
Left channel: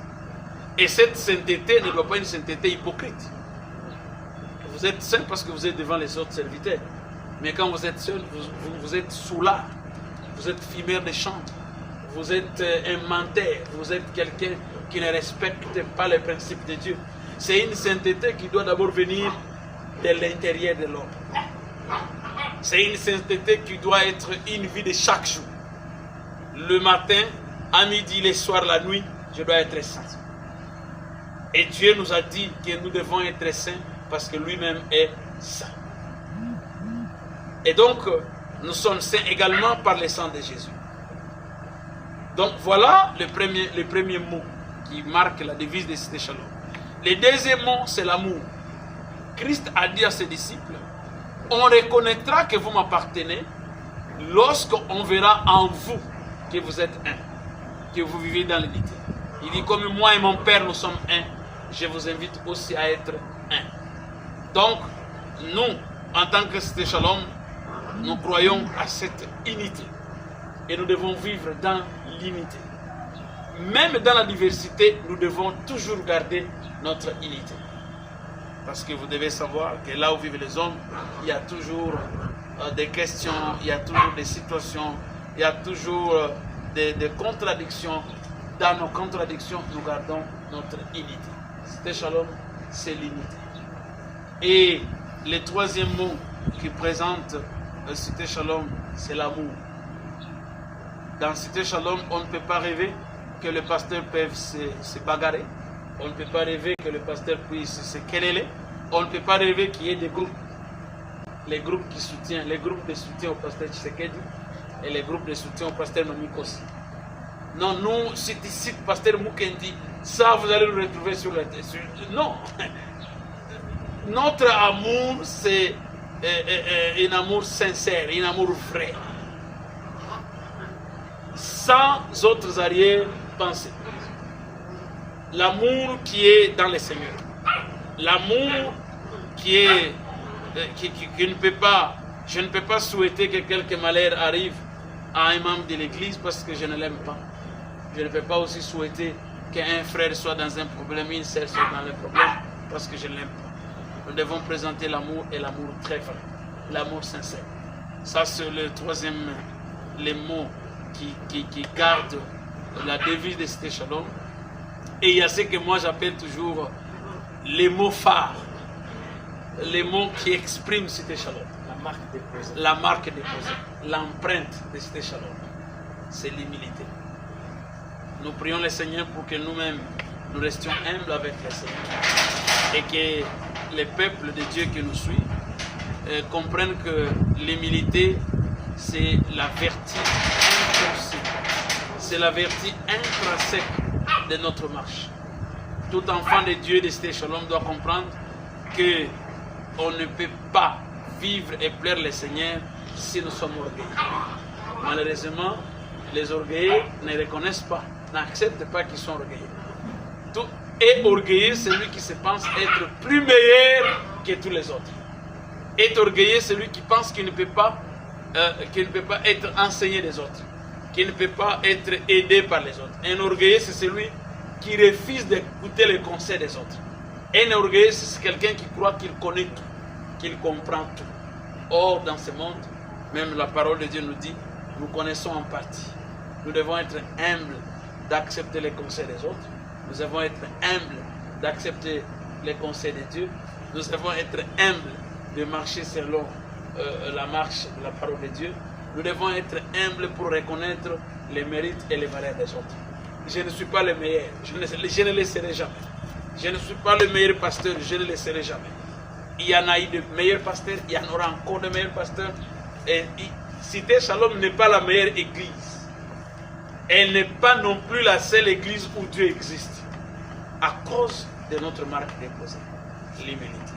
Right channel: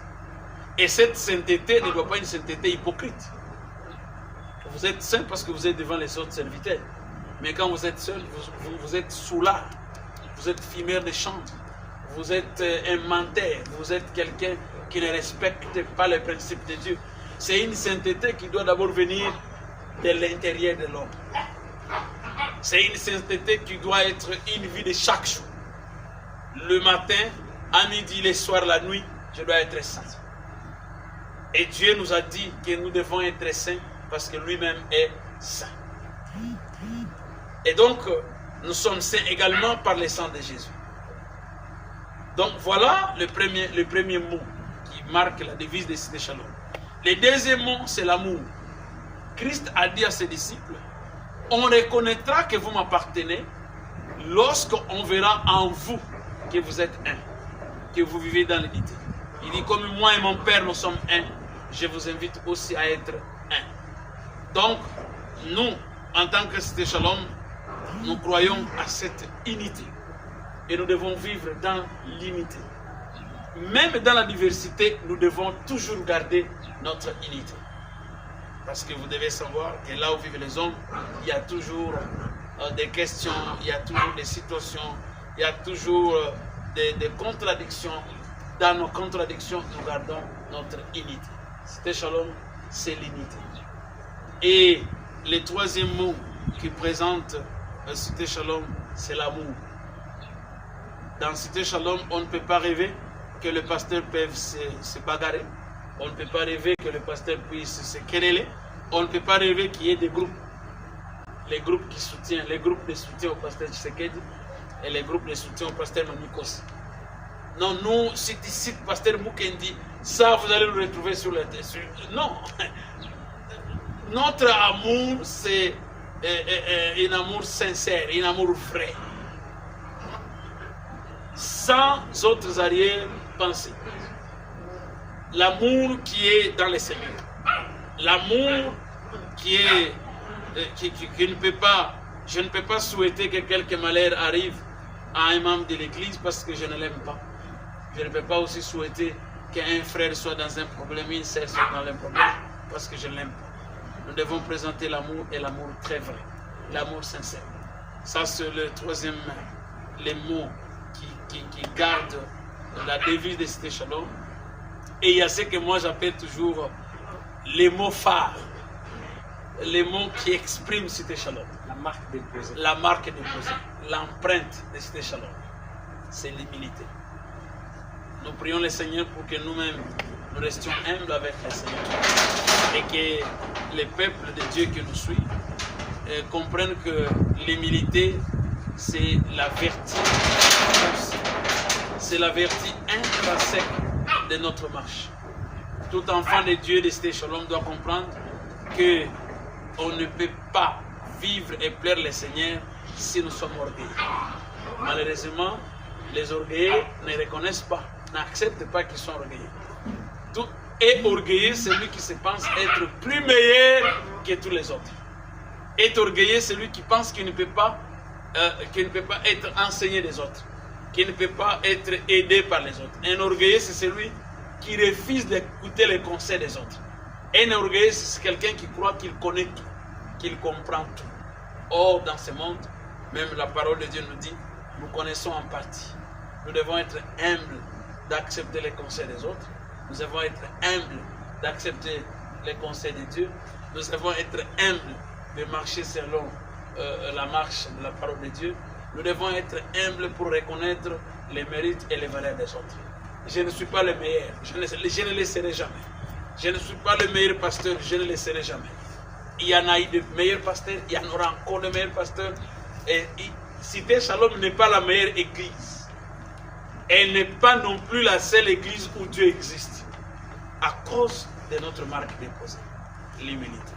Et cette sainteté ne doit pas être une sainteté hypocrite. Vous êtes saint parce que vous êtes devant les autres serviteurs. Mais quand vous êtes seul, vous êtes soulard. Vous êtes fumeur de chant. Vous êtes un menteur. Vous êtes quelqu'un qui ne respecte pas les principes de Dieu. C'est une sainteté qui doit d'abord venir de l'intérieur de l'homme. C'est une sainteté qui doit être une vie de chaque jour. Le matin, à midi, le soir, la nuit, je dois être saint. Et Dieu nous a dit que nous devons être saints parce que lui-même est saint. Et donc, nous sommes saints également par le sang de Jésus. Donc voilà le premier mot qui marque la devise de Cité Shalom. Le deuxième mot, c'est l'amour. Christ a dit à ses disciples, on reconnaîtra que vous m'appartenez lorsqu'on verra en vous que vous êtes un, que vous vivez dans l'unité. Il dit, comme moi et mon Père, nous sommes un, je vous invite aussi à être un. Donc, nous, en tant que Cité Shalom, nous croyons à cette unité. Et nous devons vivre dans l'unité. Même dans la diversité, nous devons toujours garder notre unité. Parce que vous devez savoir que là où vivent les hommes, il y a toujours des questions, il y a toujours des situations, il y a toujours des contradictions. Dans nos contradictions, nous gardons notre unité. Cité Shalom, c'est l'unité. Et le troisième mot qui présente Cité Shalom, c'est l'amour. Dans Cité Shalom, on ne peut pas rêver que le pasteur puisse se bagarrer. On ne peut pas rêver que le pasteur puisse se quereller. On ne peut pas rêver qu'il y ait des groupes. Les groupes qui soutiennent, les groupes de soutien au pasteur Tshisekedi et les groupes de soutien au pasteur Mamikosi. Non, nous, c'est ici le pasteur Mukendi, ça vous allez le retrouver sur le... Non. Notre amour, c'est un amour sincère, un amour vrai. Sans autres arrière-pensées. L'amour qui est dans le Seigneur. L'amour qui ne peut pas, je ne peux pas souhaiter que quelque malheur arrive à un membre de l'Église parce que je ne l'aime pas. Je ne peux pas aussi souhaiter qu'un frère soit dans un problème, une sœur soit dans un problème parce que je ne l'aime pas. Nous devons présenter l'amour et l'amour très vrai. L'amour sincère. Ça, c'est le troisième, les mots qui gardent la devise de Cité Shalom. Et il y a ce que moi j'appelle toujours les mots phares. Les mots qui expriment Cité Shalom. La marque déposée. La marque déposée. L'empreinte de Cité Shalom. C'est l'humilité. Nous prions le Seigneur pour que nous-mêmes, nous restions humbles avec le Seigneur. Et que les peuples de Dieu qui nous suivent comprennent que l'humilité, c'est la vertu intrinsèque. C'est la vertu intrinsèque de notre marche. Tout enfant de Dieu de Cité Shalom doit comprendre que on ne peut pas vivre et plaire le Seigneur si nous sommes orgueilleux. Malheureusement, les orgueilleux ne reconnaissent pas, n'acceptent pas qu'ils sont orgueilleux. Tout est orgueilleux celui qui se pense être plus meilleur que tous les autres. Est orgueilleux celui qui pense qu'il ne peut pas être enseigné des autres, qu'il ne peut pas être aidé par les autres. Un orgueilleux, c'est celui qui refuse d'écouter les conseils des autres. Un orgueilleux, c'est quelqu'un qui croit qu'il connaît tout, qu'il comprend tout. Or, dans ce monde, même la parole de Dieu nous dit, nous connaissons en partie. Nous devons être humbles d'accepter les conseils des autres. Nous devons être humbles d'accepter les conseils de Dieu. Nous devons être humbles de marcher selon la marche de la parole de Dieu. Nous devons être humbles pour reconnaître les mérites et les valeurs des autres. Je ne suis pas le meilleur, je ne le serai jamais. Je ne suis pas le meilleur pasteur, je ne le serai jamais. Il y en a eu de meilleurs pasteurs, il y en aura encore de meilleurs pasteurs. Et Cité Shalom n'est pas la meilleure église. Elle n'est pas non plus la seule église où Dieu existe. À cause de notre marque déposée, l'humilité.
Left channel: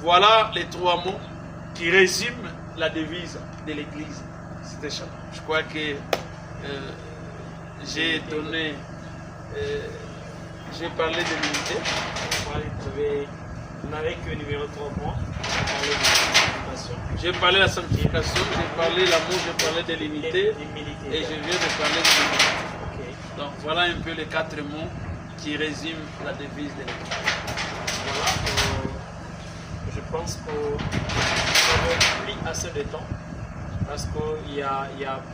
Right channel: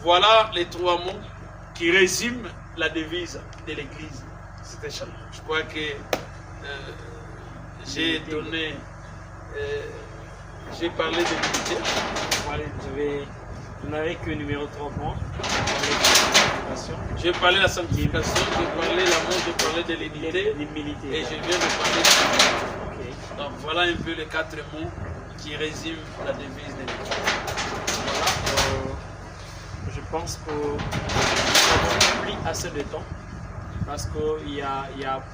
Voilà les trois mots qui résument la devise de l'église Cité Shalom. Je crois que j'ai donné, j'ai parlé de l'unité. Vous n'avez que le numéro 3 points. J'ai parlé de la sanctification, j'ai parlé de l'amour, j'ai parlé de l'unité. Et je viens de parler de l'unité. Okay. Donc voilà un peu les 4 mots qui résument la devise de l'église. Voilà. Je pense que nous n'avons plus assez de temps parce qu'il y a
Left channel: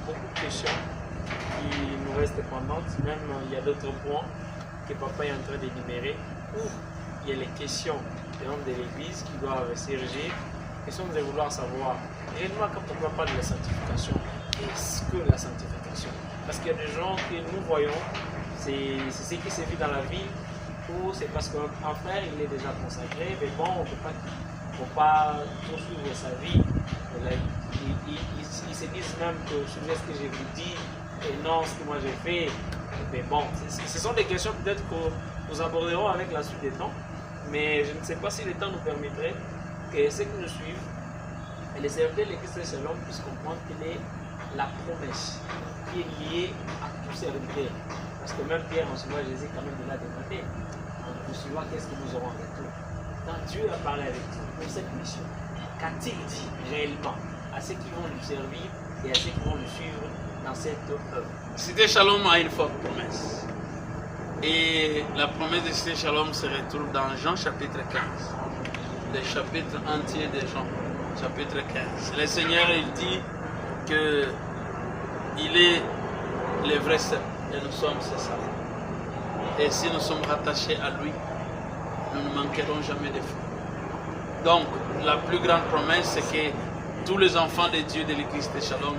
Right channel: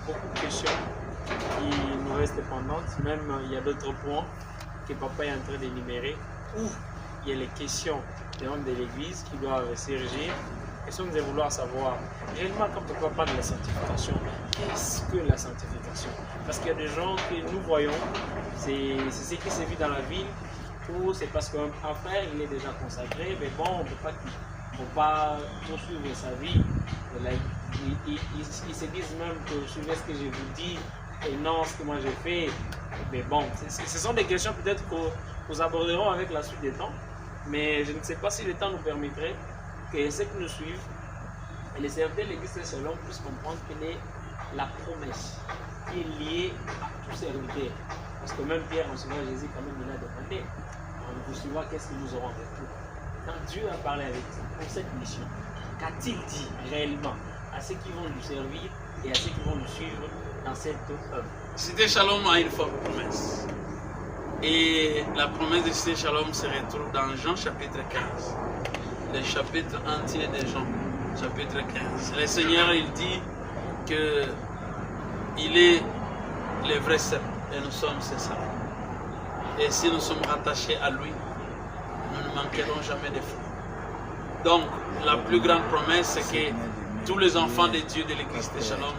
beaucoup de questions qui nous restent pendantes. Même il y a d'autres points que papa est en train d'énumérer où il y a les questions des membres de l'église qui doivent s'érigir. Et si nous devons vouloir savoir, réellement, quand papa parle de la sanctification, qu'est-ce que la sanctification? Parce qu'il y a des gens que nous voyons, c'est ce qui se vit dans la ville, ou c'est parce qu'un frère il est déjà consacré, mais bon, on ne peut pas poursuivre sa vie. Ils se disent même que suivez ce que je vous dis et non ce que moi j'ai fait. Mais bon, ce sont des questions peut-être que nous aborderons avec la suite des temps, mais je ne sais pas si le temps nous permettrait que ceux qui nous suivent et les serviteurs de l'église de Shalom puissent comprendre quelle est la promesse qui est liée à tout serviteur. Parce que même Pierre, en suivant Jésus, quand même, il a demandé. nous suivons, qu'est-ce que nous aurons en retour? Quand Dieu a parlé avec vous pour cette mission, qu'a-t-il dit réellement à ceux qui vont lui servir et à ceux qui vont le suivre dans cette œuvre? Cité Shalom a une forte promesse. Et la promesse de Cité Shalom se retrouve dans Jean chapitre 15. Le chapitre entier de Jean, chapitre 15. Le Seigneur, il dit que il est le vrai cep et nous sommes ses saints. Et si nous sommes rattachés à lui, nous ne manquerons jamais de fruits. Donc, la plus grande promesse, c'est que tous les enfants de Dieu de l'église de Shalom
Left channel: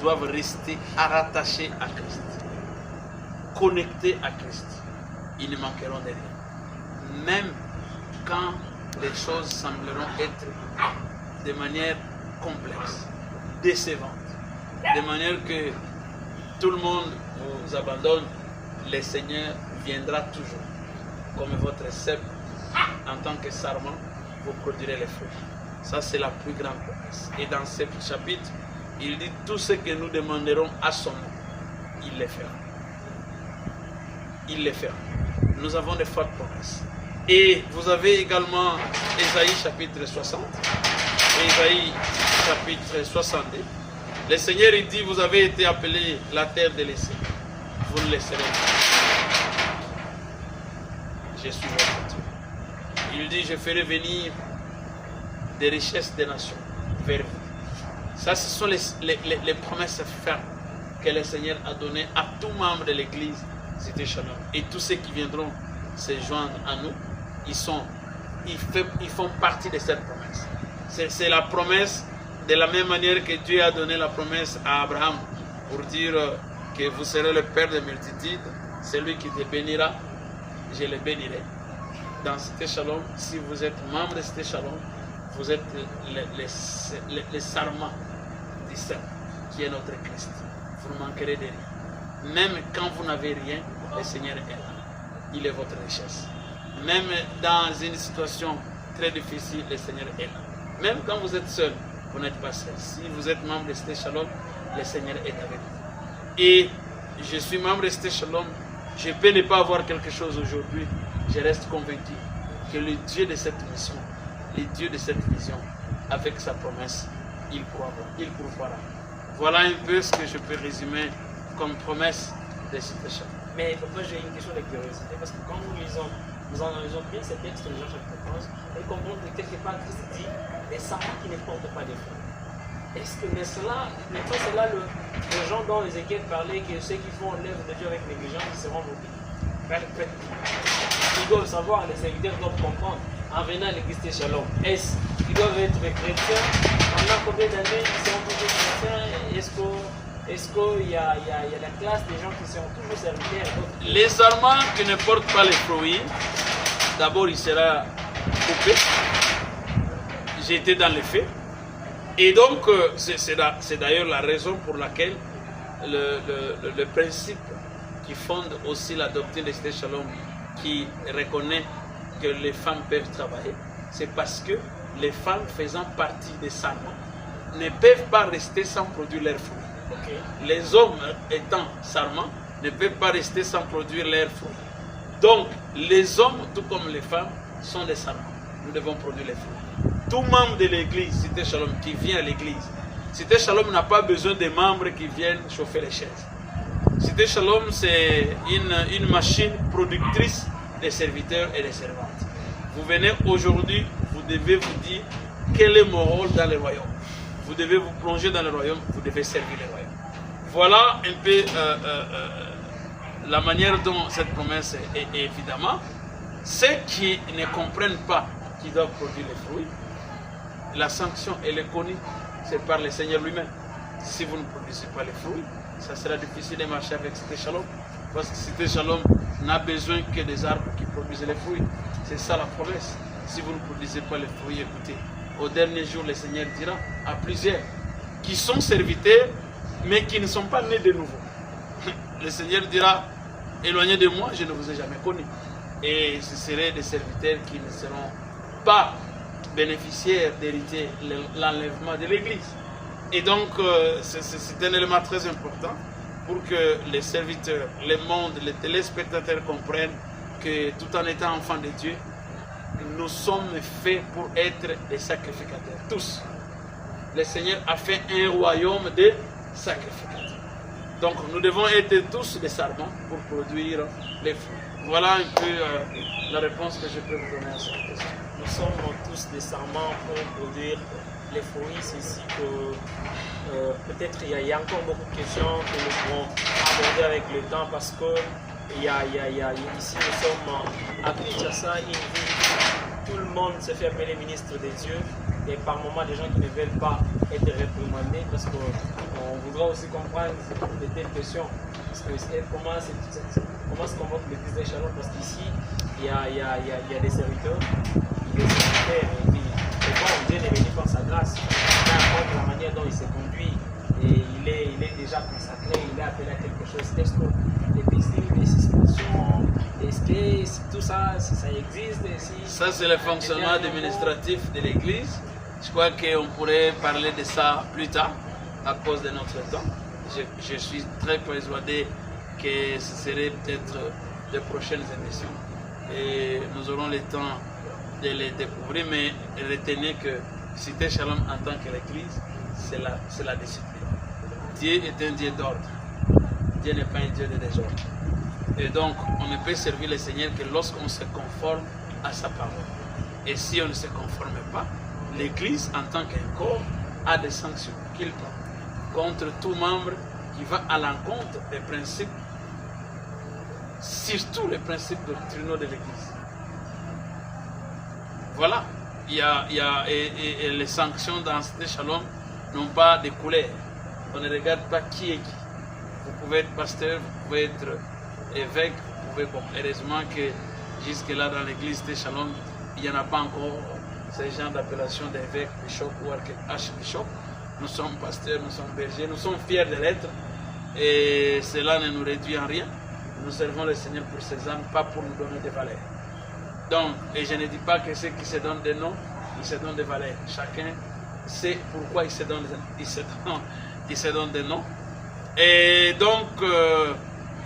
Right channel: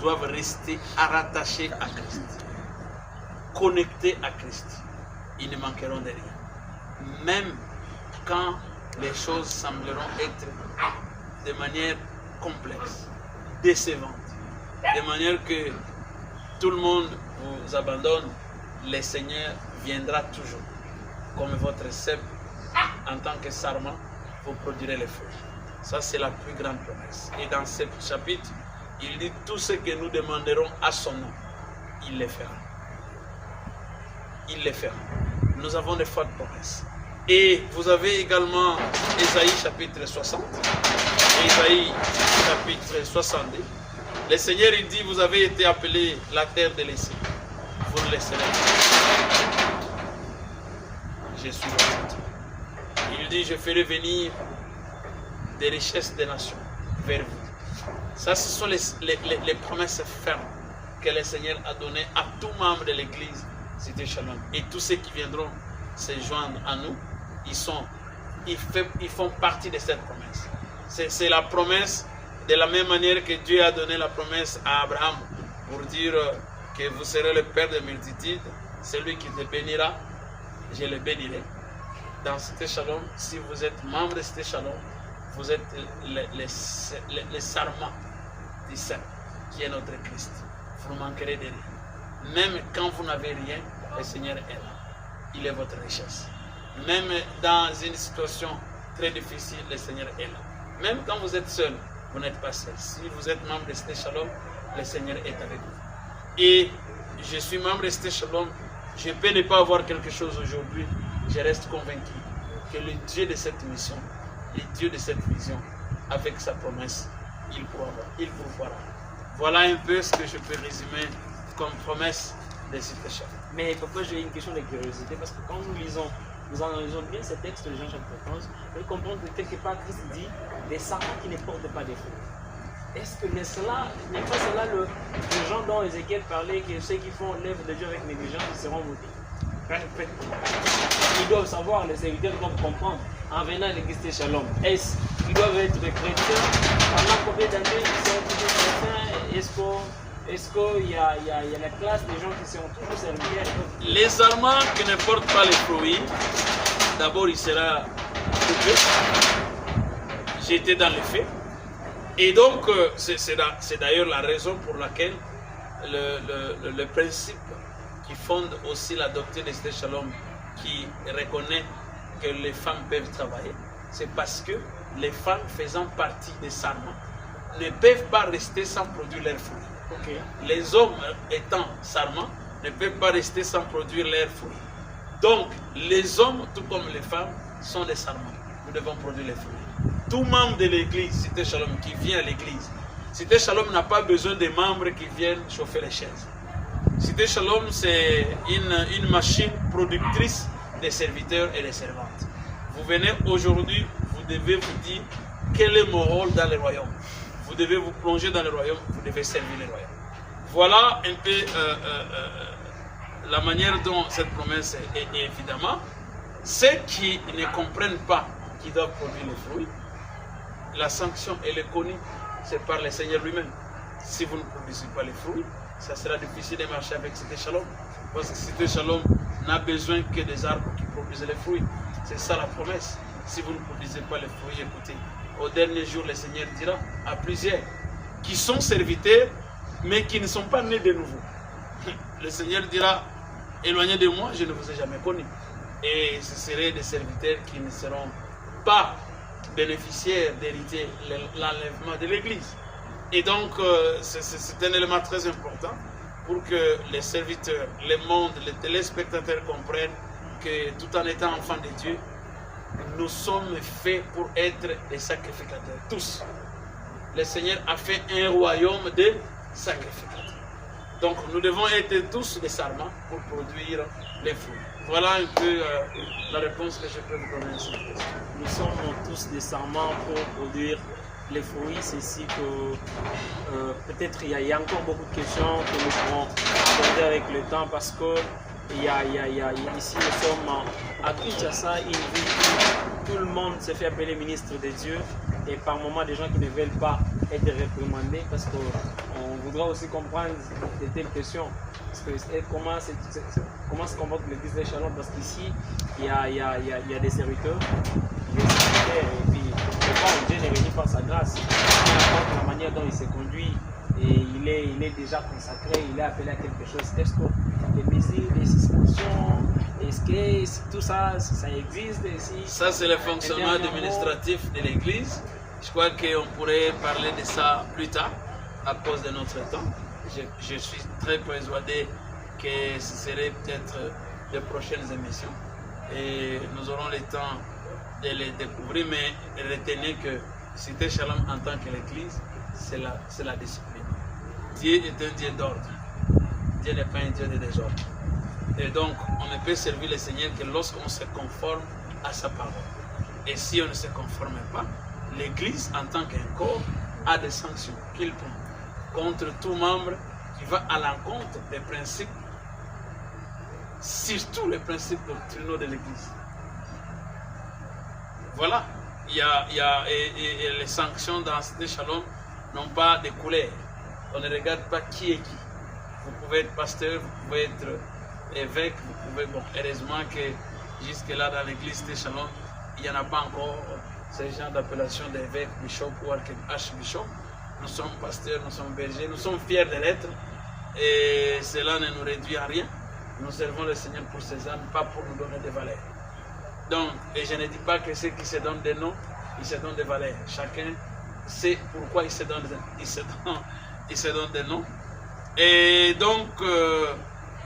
doivent rester rattachés à Christ, connectés à Christ. Ils ne manqueront de rien. Même quand les choses sembleront être de manière complexe, décevante, de manière que tout le monde vous abandonne, le Seigneur viendra toujours. Comme votre cep, en tant que sarment, vous produirez les fruits. Ça, c'est la plus grande promesse. Et dans ce chapitre, il dit tout ce que nous demanderons à son nom, il le fera. Il le fera. Nous avons de fortes promesses. Et vous avez également Ésaïe chapitre 60, Ésaïe chapitre 62. Le Seigneur, il dit, vous avez été appelés la terre délaissée. Vous ne laisserez pas. Je suis votre Dieu. Il dit, je ferai venir des richesses des nations vers vous. Ça, ce sont les promesses fermes que le Seigneur a données à tout membre de l'église Cité Shalom. Et tous ceux qui viendront se joindre à nous, ils font partie de cette promesse. C'est la promesse de la même manière que Dieu a donné la promesse à Abraham pour dire que vous serez le père de multitudes. Celui qui te bénira, je le bénirai. Dans Cité Shalom, si vous êtes membre de Cité Shalom, vous êtes les sarments du Saint, qui est notre Christ. Vous ne manquerez de rien. Même quand vous n'avez rien, le Seigneur est là. Il est votre richesse. Même dans une situation très difficile, le Seigneur est là. Même quand vous êtes seul, vous n'êtes pas seul. Si vous êtes membre de Cité Shalom, le Seigneur est avec vous. Et je suis membre de Cité Shalom. Je peux ne pas avoir quelque chose aujourd'hui. Je reste convaincu que le Dieu de cette mission, le Dieu de cette vision, avec sa promesse, il pourvoira. Voilà un peu ce que je peux résumer comme promesse de Cité Shalom. Mais papa, j'ai une question de curiosité, parce que quand nous analysons bien ces textes de Jean chapitre 15, nous comprenons que quelque part Christ dit des sarments qui ne portent pas de fruits. Est-ce que n'est pas cela le gens dont Ézéchiel parlait, que ceux qui font l'œuvre de Dieu avec négligence, ils seront maudits? Ils doivent savoir, les serviteurs doivent comprendre, en venant à l'église de Shalom, est-ce qu'ils doivent être chrétiens? Pendant combien d'années ils seront toujours chrétiens? Est-ce qu'il y a la classe des gens qui seront toujours serviteurs? Les sarments qui ne portent pas les fruits, d'abord il sera coupé, jeté dans les feux. Et donc, c'est d'ailleurs la raison pour laquelle le principe qui fonde aussi la doctrine de Cité Shalom, qui reconnaît que les femmes peuvent travailler, c'est parce que les femmes faisant partie des sarments ne peuvent pas rester sans produire leurs fruits. Okay. Les hommes étant sarments ne peuvent pas rester sans produire leurs fruits. Donc, les hommes, tout comme les femmes, sont des sarments. Nous devons produire les fruits. Tout membre de l'église, Cité Shalom, qui vient à l'église, Cité Shalom n'a pas besoin de membres qui viennent chauffer les chaises. Cité Shalom, c'est une machine productrice de serviteurs et de servantes. Vous venez aujourd'hui, vous devez vous dire quel est mon rôle dans le royaume. Vous devez vous plonger dans le royaume, vous devez servir le royaume. Voilà un peu la manière dont cette promesse est évidemment. Ceux qui ne comprennent pas qu'ils doivent produire les fruits, la sanction, elle est connue, c'est par le Seigneur lui-même. Si vous ne produisez pas les fruits, ça sera difficile de marcher avec Cité Shalom, parce que Cité Shalom n'a besoin que des arbres qui produisent les fruits. C'est ça la promesse. Si vous ne produisez pas les fruits, écoutez, au dernier jour, le Seigneur dira à plusieurs qui sont serviteurs, mais qui ne sont pas nés de nouveau. Le Seigneur dira, éloignez de moi, je ne vous ai jamais connu. Et ce seraient des serviteurs qui ne seront pas bénéficiaires d'hériter l'enlèvement de l'Église. Et donc, c'est un élément très important pour que les serviteurs, le monde, les téléspectateurs comprennent que tout en étant enfants de Dieu, nous sommes faits pour être des sacrificateurs, tous. Le Seigneur a fait un royaume de sacrificateurs. Donc nous devons être tous des sarments pour produire les fruits. Voilà un peu la réponse que je peux vous donner à cette question. Nous sommes tous des sarments pour produire les fruits. C'est ici que peut-être il y a encore beaucoup de questions que nous pourrons aborder avec le temps parce que ici nous sommes à Kinshasa, une ville où tout le monde se fait appeler ministre de Dieu. Et par moments, des gens qui ne veulent pas être réprimandés parce qu'on voudra aussi comprendre de telles questions. Parce que comment se comporte l'église de Shalom? Parce qu'ici, il y a des serviteurs, il y a des secrétaires, et puis Dieu est réuni par sa grâce. Peu importe la manière dont il se conduit, et il est déjà consacré, il est appelé à quelque chose. Est-ce que les mesures, les suspensions, est-ce que tout ça, ça existe? Ça, c'est le fonctionnement administratif de l'église. Je crois qu'on pourrait parler de ça plus tard, à cause de notre temps. Je suis très persuadé que ce serait peut-être de prochaines émissions. Et nous aurons le temps de les découvrir, mais retenez que Cité Shalom en tant que l'église, c'est la discipline. Dieu est un Dieu d'ordre. Dieu n'est pas un Dieu de désordre. Et donc, on ne peut servir le Seigneur que lorsqu'on se conforme à sa parole. Et si on ne se conforme pas, l'Église, en tant qu'un corps, a des sanctions qu'il prend contre tout membre qui va à l'encontre des principes, surtout les principes doctrinaux de l'Église. Voilà. Et les sanctions dans Cité Shalom n'ont pas de couleur. On ne regarde pas qui est qui. Vous pouvez être pasteur, vous pouvez être évêque, vous pouvez... Bon, heureusement que jusque-là dans l'église de Shalom, il n'y en a pas encore ces gens d'appellation d'évêque, bishop ou archbishop. Nous sommes pasteurs, nous sommes bergers, nous sommes fiers de l'être et cela ne nous réduit en rien. Nous servons le Seigneur pour ses âmes, pas pour nous donner des valeurs. Donc, et je ne dis pas que ceux qui se donnent des noms, ils se donnent des valeurs. Chacun sait pourquoi il se donne des noms. Et donc,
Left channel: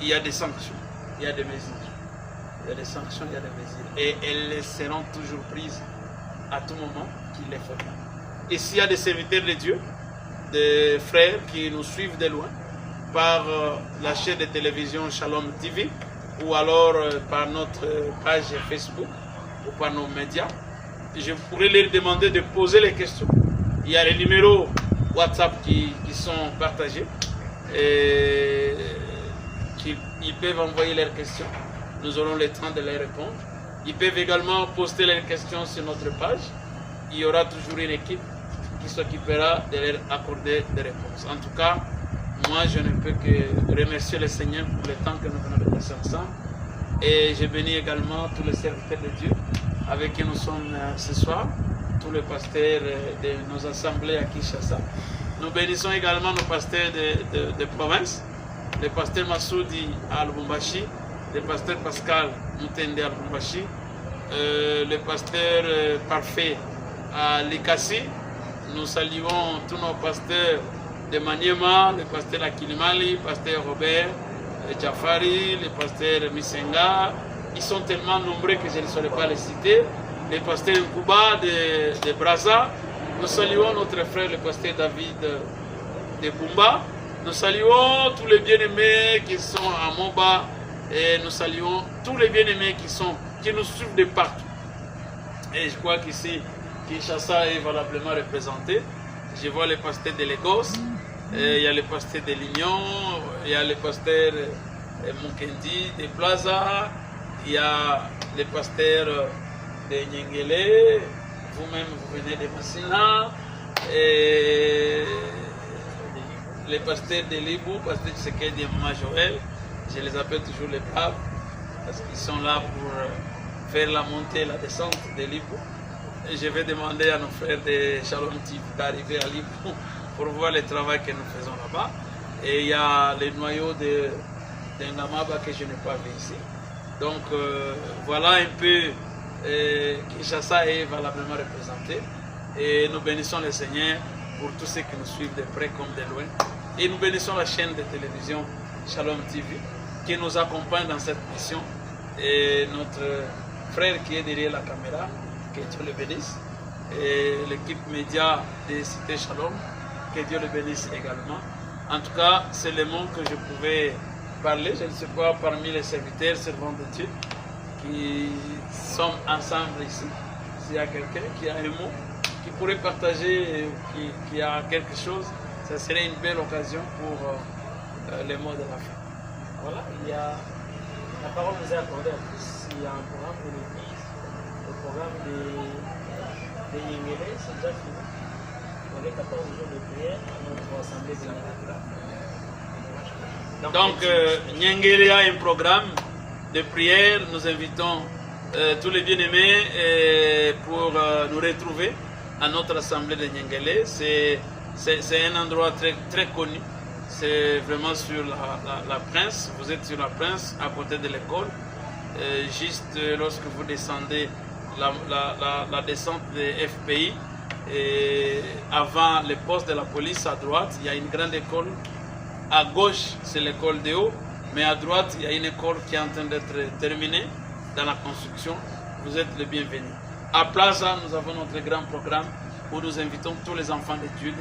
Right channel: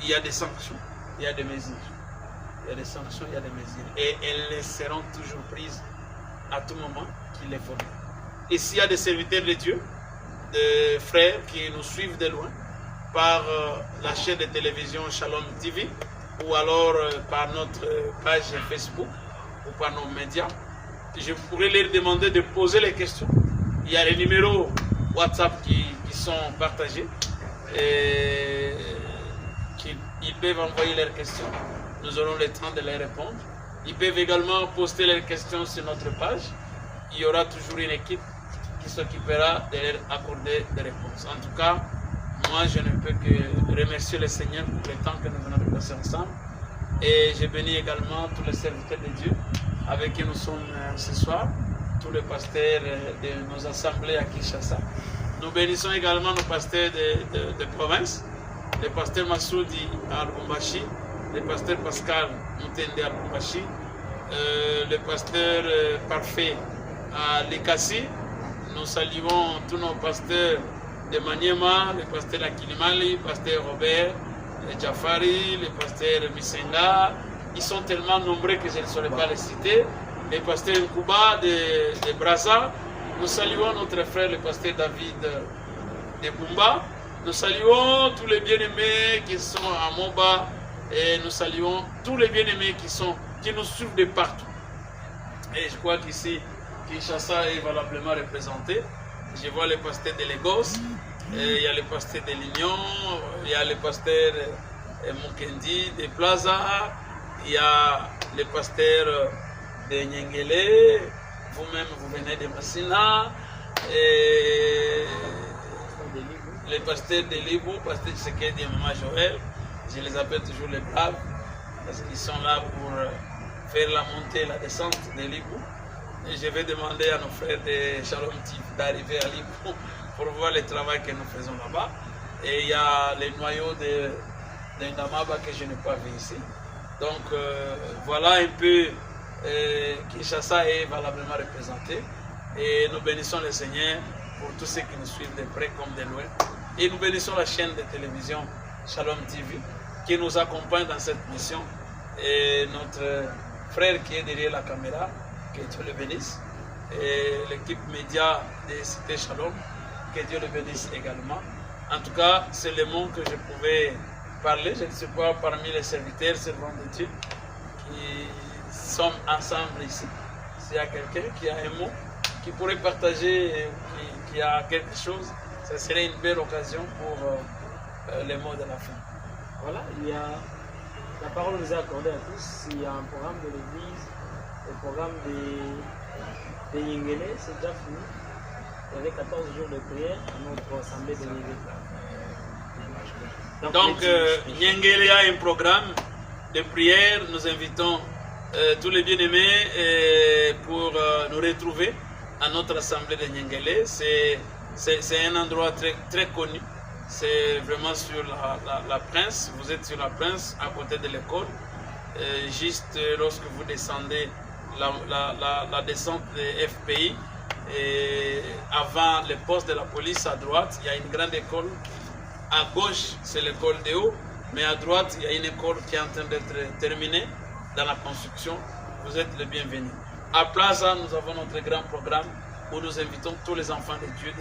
il y a des sanctions, il y a des mesures. Il y a des sanctions, il y a des mesures. Et elles seront toujours prises à tout moment qu'il les faudra. Et s'il y a des serviteurs de Dieu, des frères qui nous suivent de loin, par la chaîne de télévision Shalom TV, ou alors par notre page Facebook, ou par nos médias, je pourrais leur demander de poser les questions. Il y a les numéros WhatsApp qui sont partagés. Et ils peuvent envoyer leurs questions. Nous aurons le temps de les répondre. Ils peuvent également poster leurs questions sur notre page. Il y aura toujours une équipe qui s'occupera de leur accorder des réponses. En tout cas, moi, je ne peux que remercier le Seigneur pour le temps que nous venons de passer ensemble. Et je bénis également tous les serviteurs de Dieu avec qui nous sommes ce soir, tous les pasteurs de nos assemblées à Kinshasa. Nous bénissons également nos pasteurs de province, le pasteur Massoudi à Lubumbashi, le pasteur Pascal Moutende à Lubumbashi, le pasteur Parfait à Likasi. Nous saluons tous nos pasteurs de Maniema, le pasteur Akilimali, le pasteur Robert Jafari, le pasteur Misenga. Ils sont tellement nombreux que je ne saurais pas les citer. Le pasteur Nkuba de Brazza. Nous saluons notre frère, le pasteur David de Bumba. Nous saluons tous les bien-aimés qui sont à Moba. Et nous saluons tous les bien-aimés qui nous suivent de partout. Et je crois qu'ici, Kinshasa est valablement représenté. Je vois le pasteur de Lagos, il y a le pasteur de l'Union, il y a le pasteur Mukendi de Plaza, il y a le pasteur de Nyengele, vous-même vous venez de Massina, et le pasteur de Libou, pasteur Tshisekedi et Maman Joël, je les appelle toujours les braves, parce qu'ils sont là pour faire la montée et la descente de Libou. Et je vais demander à nos frères de Shalom TV d'arriver à Libou pour voir le travail que nous faisons là-bas. Et il y a les noyaux de Ngamaba que je n'ai pas vu ici. Donc voilà un peu Kinshasa est valablement représenté. Et nous bénissons le Seigneur pour tous ceux qui nous suivent de près comme de loin. Et nous bénissons la chaîne de télévision Shalom TV qui nous accompagne dans cette mission. et notre frère qui est derrière la caméra, que Dieu le bénisse, et l'équipe média de Cité Shalom, que Dieu le bénisse également. En tout cas, c'est le mot que je pouvais parler. Je ne sais pas parmi les serviteurs, servants de Dieu, qui sommes ensemble ici. S'il y a quelqu'un qui a un mot, qui pourrait partager, qui a quelque chose, ça serait une belle occasion pour les mots de la fin. Voilà, la parole nous est accordée à tous. Il y a un programme de l'église, le programme de Yengele, c'est déjà fini. Il y avait 14 jours de prière à notre assemblée de Yengele. Donc, Yengele a un programme de prière. Nous invitons tous les bien-aimés pour nous retrouver à notre assemblée de Yengele. C'est un endroit très, très connu. C'est vraiment sur la Prince. Vous êtes sur la Prince, à côté de l'école. Juste lorsque vous descendez la descente des FPI, et avant le poste de la police à droite, il y a une grande école. À gauche, c'est l'école de haut, mais à droite, il y a une école qui est en train d'être terminée dans la construction. Vous êtes les bienvenus. À Plaza, nous avons notre grand programme où nous invitons tous les enfants de Dieu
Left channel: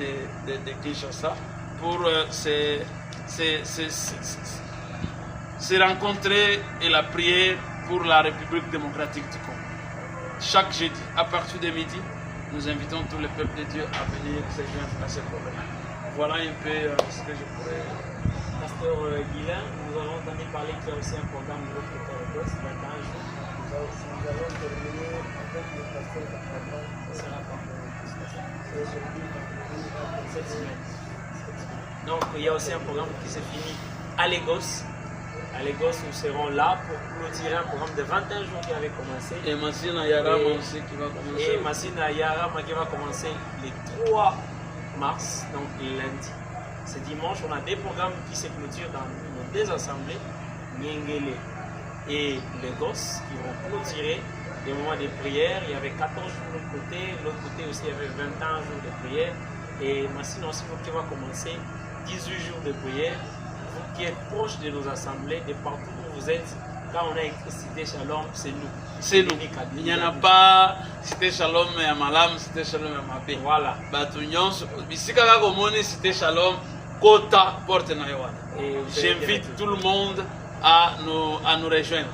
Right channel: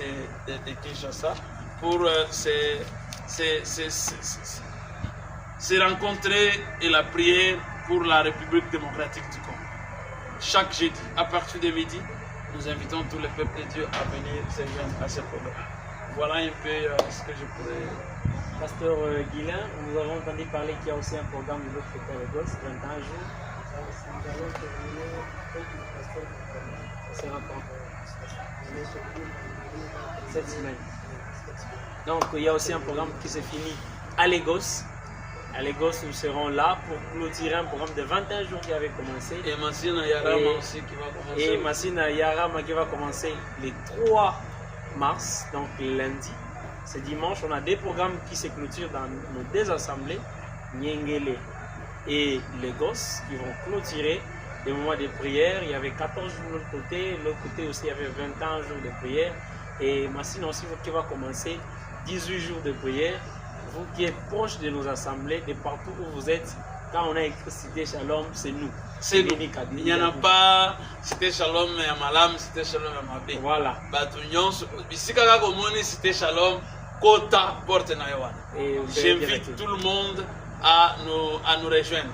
de Kinshasa pour se rencontrer et la prière pour la République démocratique du Congo. Chaque jeudi, à partir de midi, nous invitons tous les peuples de Dieu à venir se joindre à ce programme. Voilà un peu ce que je pourrais... Pasteur Guilain, nous avons entendu parler qu'il y a aussi un programme de l'autre côté de Gauss, 21 jours. Nous allons terminer avec le pasteur d'un programme. Ça sera quand? C'est sorti Cette semaine. Donc il y a aussi un programme qui se finit à Lagos. À Lagos, nous serons là pour clôturer un programme de 21 jours qui avait commencé. Et Massina Yarama aussi qui va commencer. Et Massina Yarama qui va commencer le 3 mars, donc lundi. Ce dimanche, on a des programmes qui se clôturent dans nos deux assemblées, Yengele et Lagos, qui vont clôturer des moments de prière. Il y avait 14 jours de l'autre côté aussi il y avait 21 jours de prière. Et Massina aussi qui va commencer 18 jours de prière. Vous qui êtes proches de nos assemblées, de partout où vous êtes, quand on a écrit Cité Shalom, c'est nous. C'est nous. Il n'y en a pas Cité Shalom et Amalam, Cité Shalom et Amabé. Voilà. Ici, quand on a Cité Shalom, Kota porte na Yohana. J'invite tout le monde à nous rejoindre.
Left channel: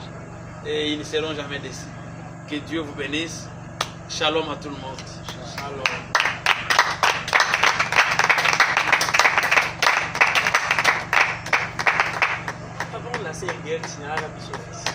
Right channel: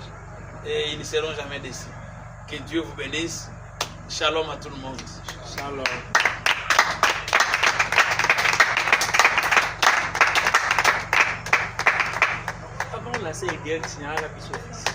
Et ils ne seront jamais déçus. Que Dieu vous bénisse. Shalom à tout le monde. Shalom. Avant de lancer les guerres, il n'y a pas de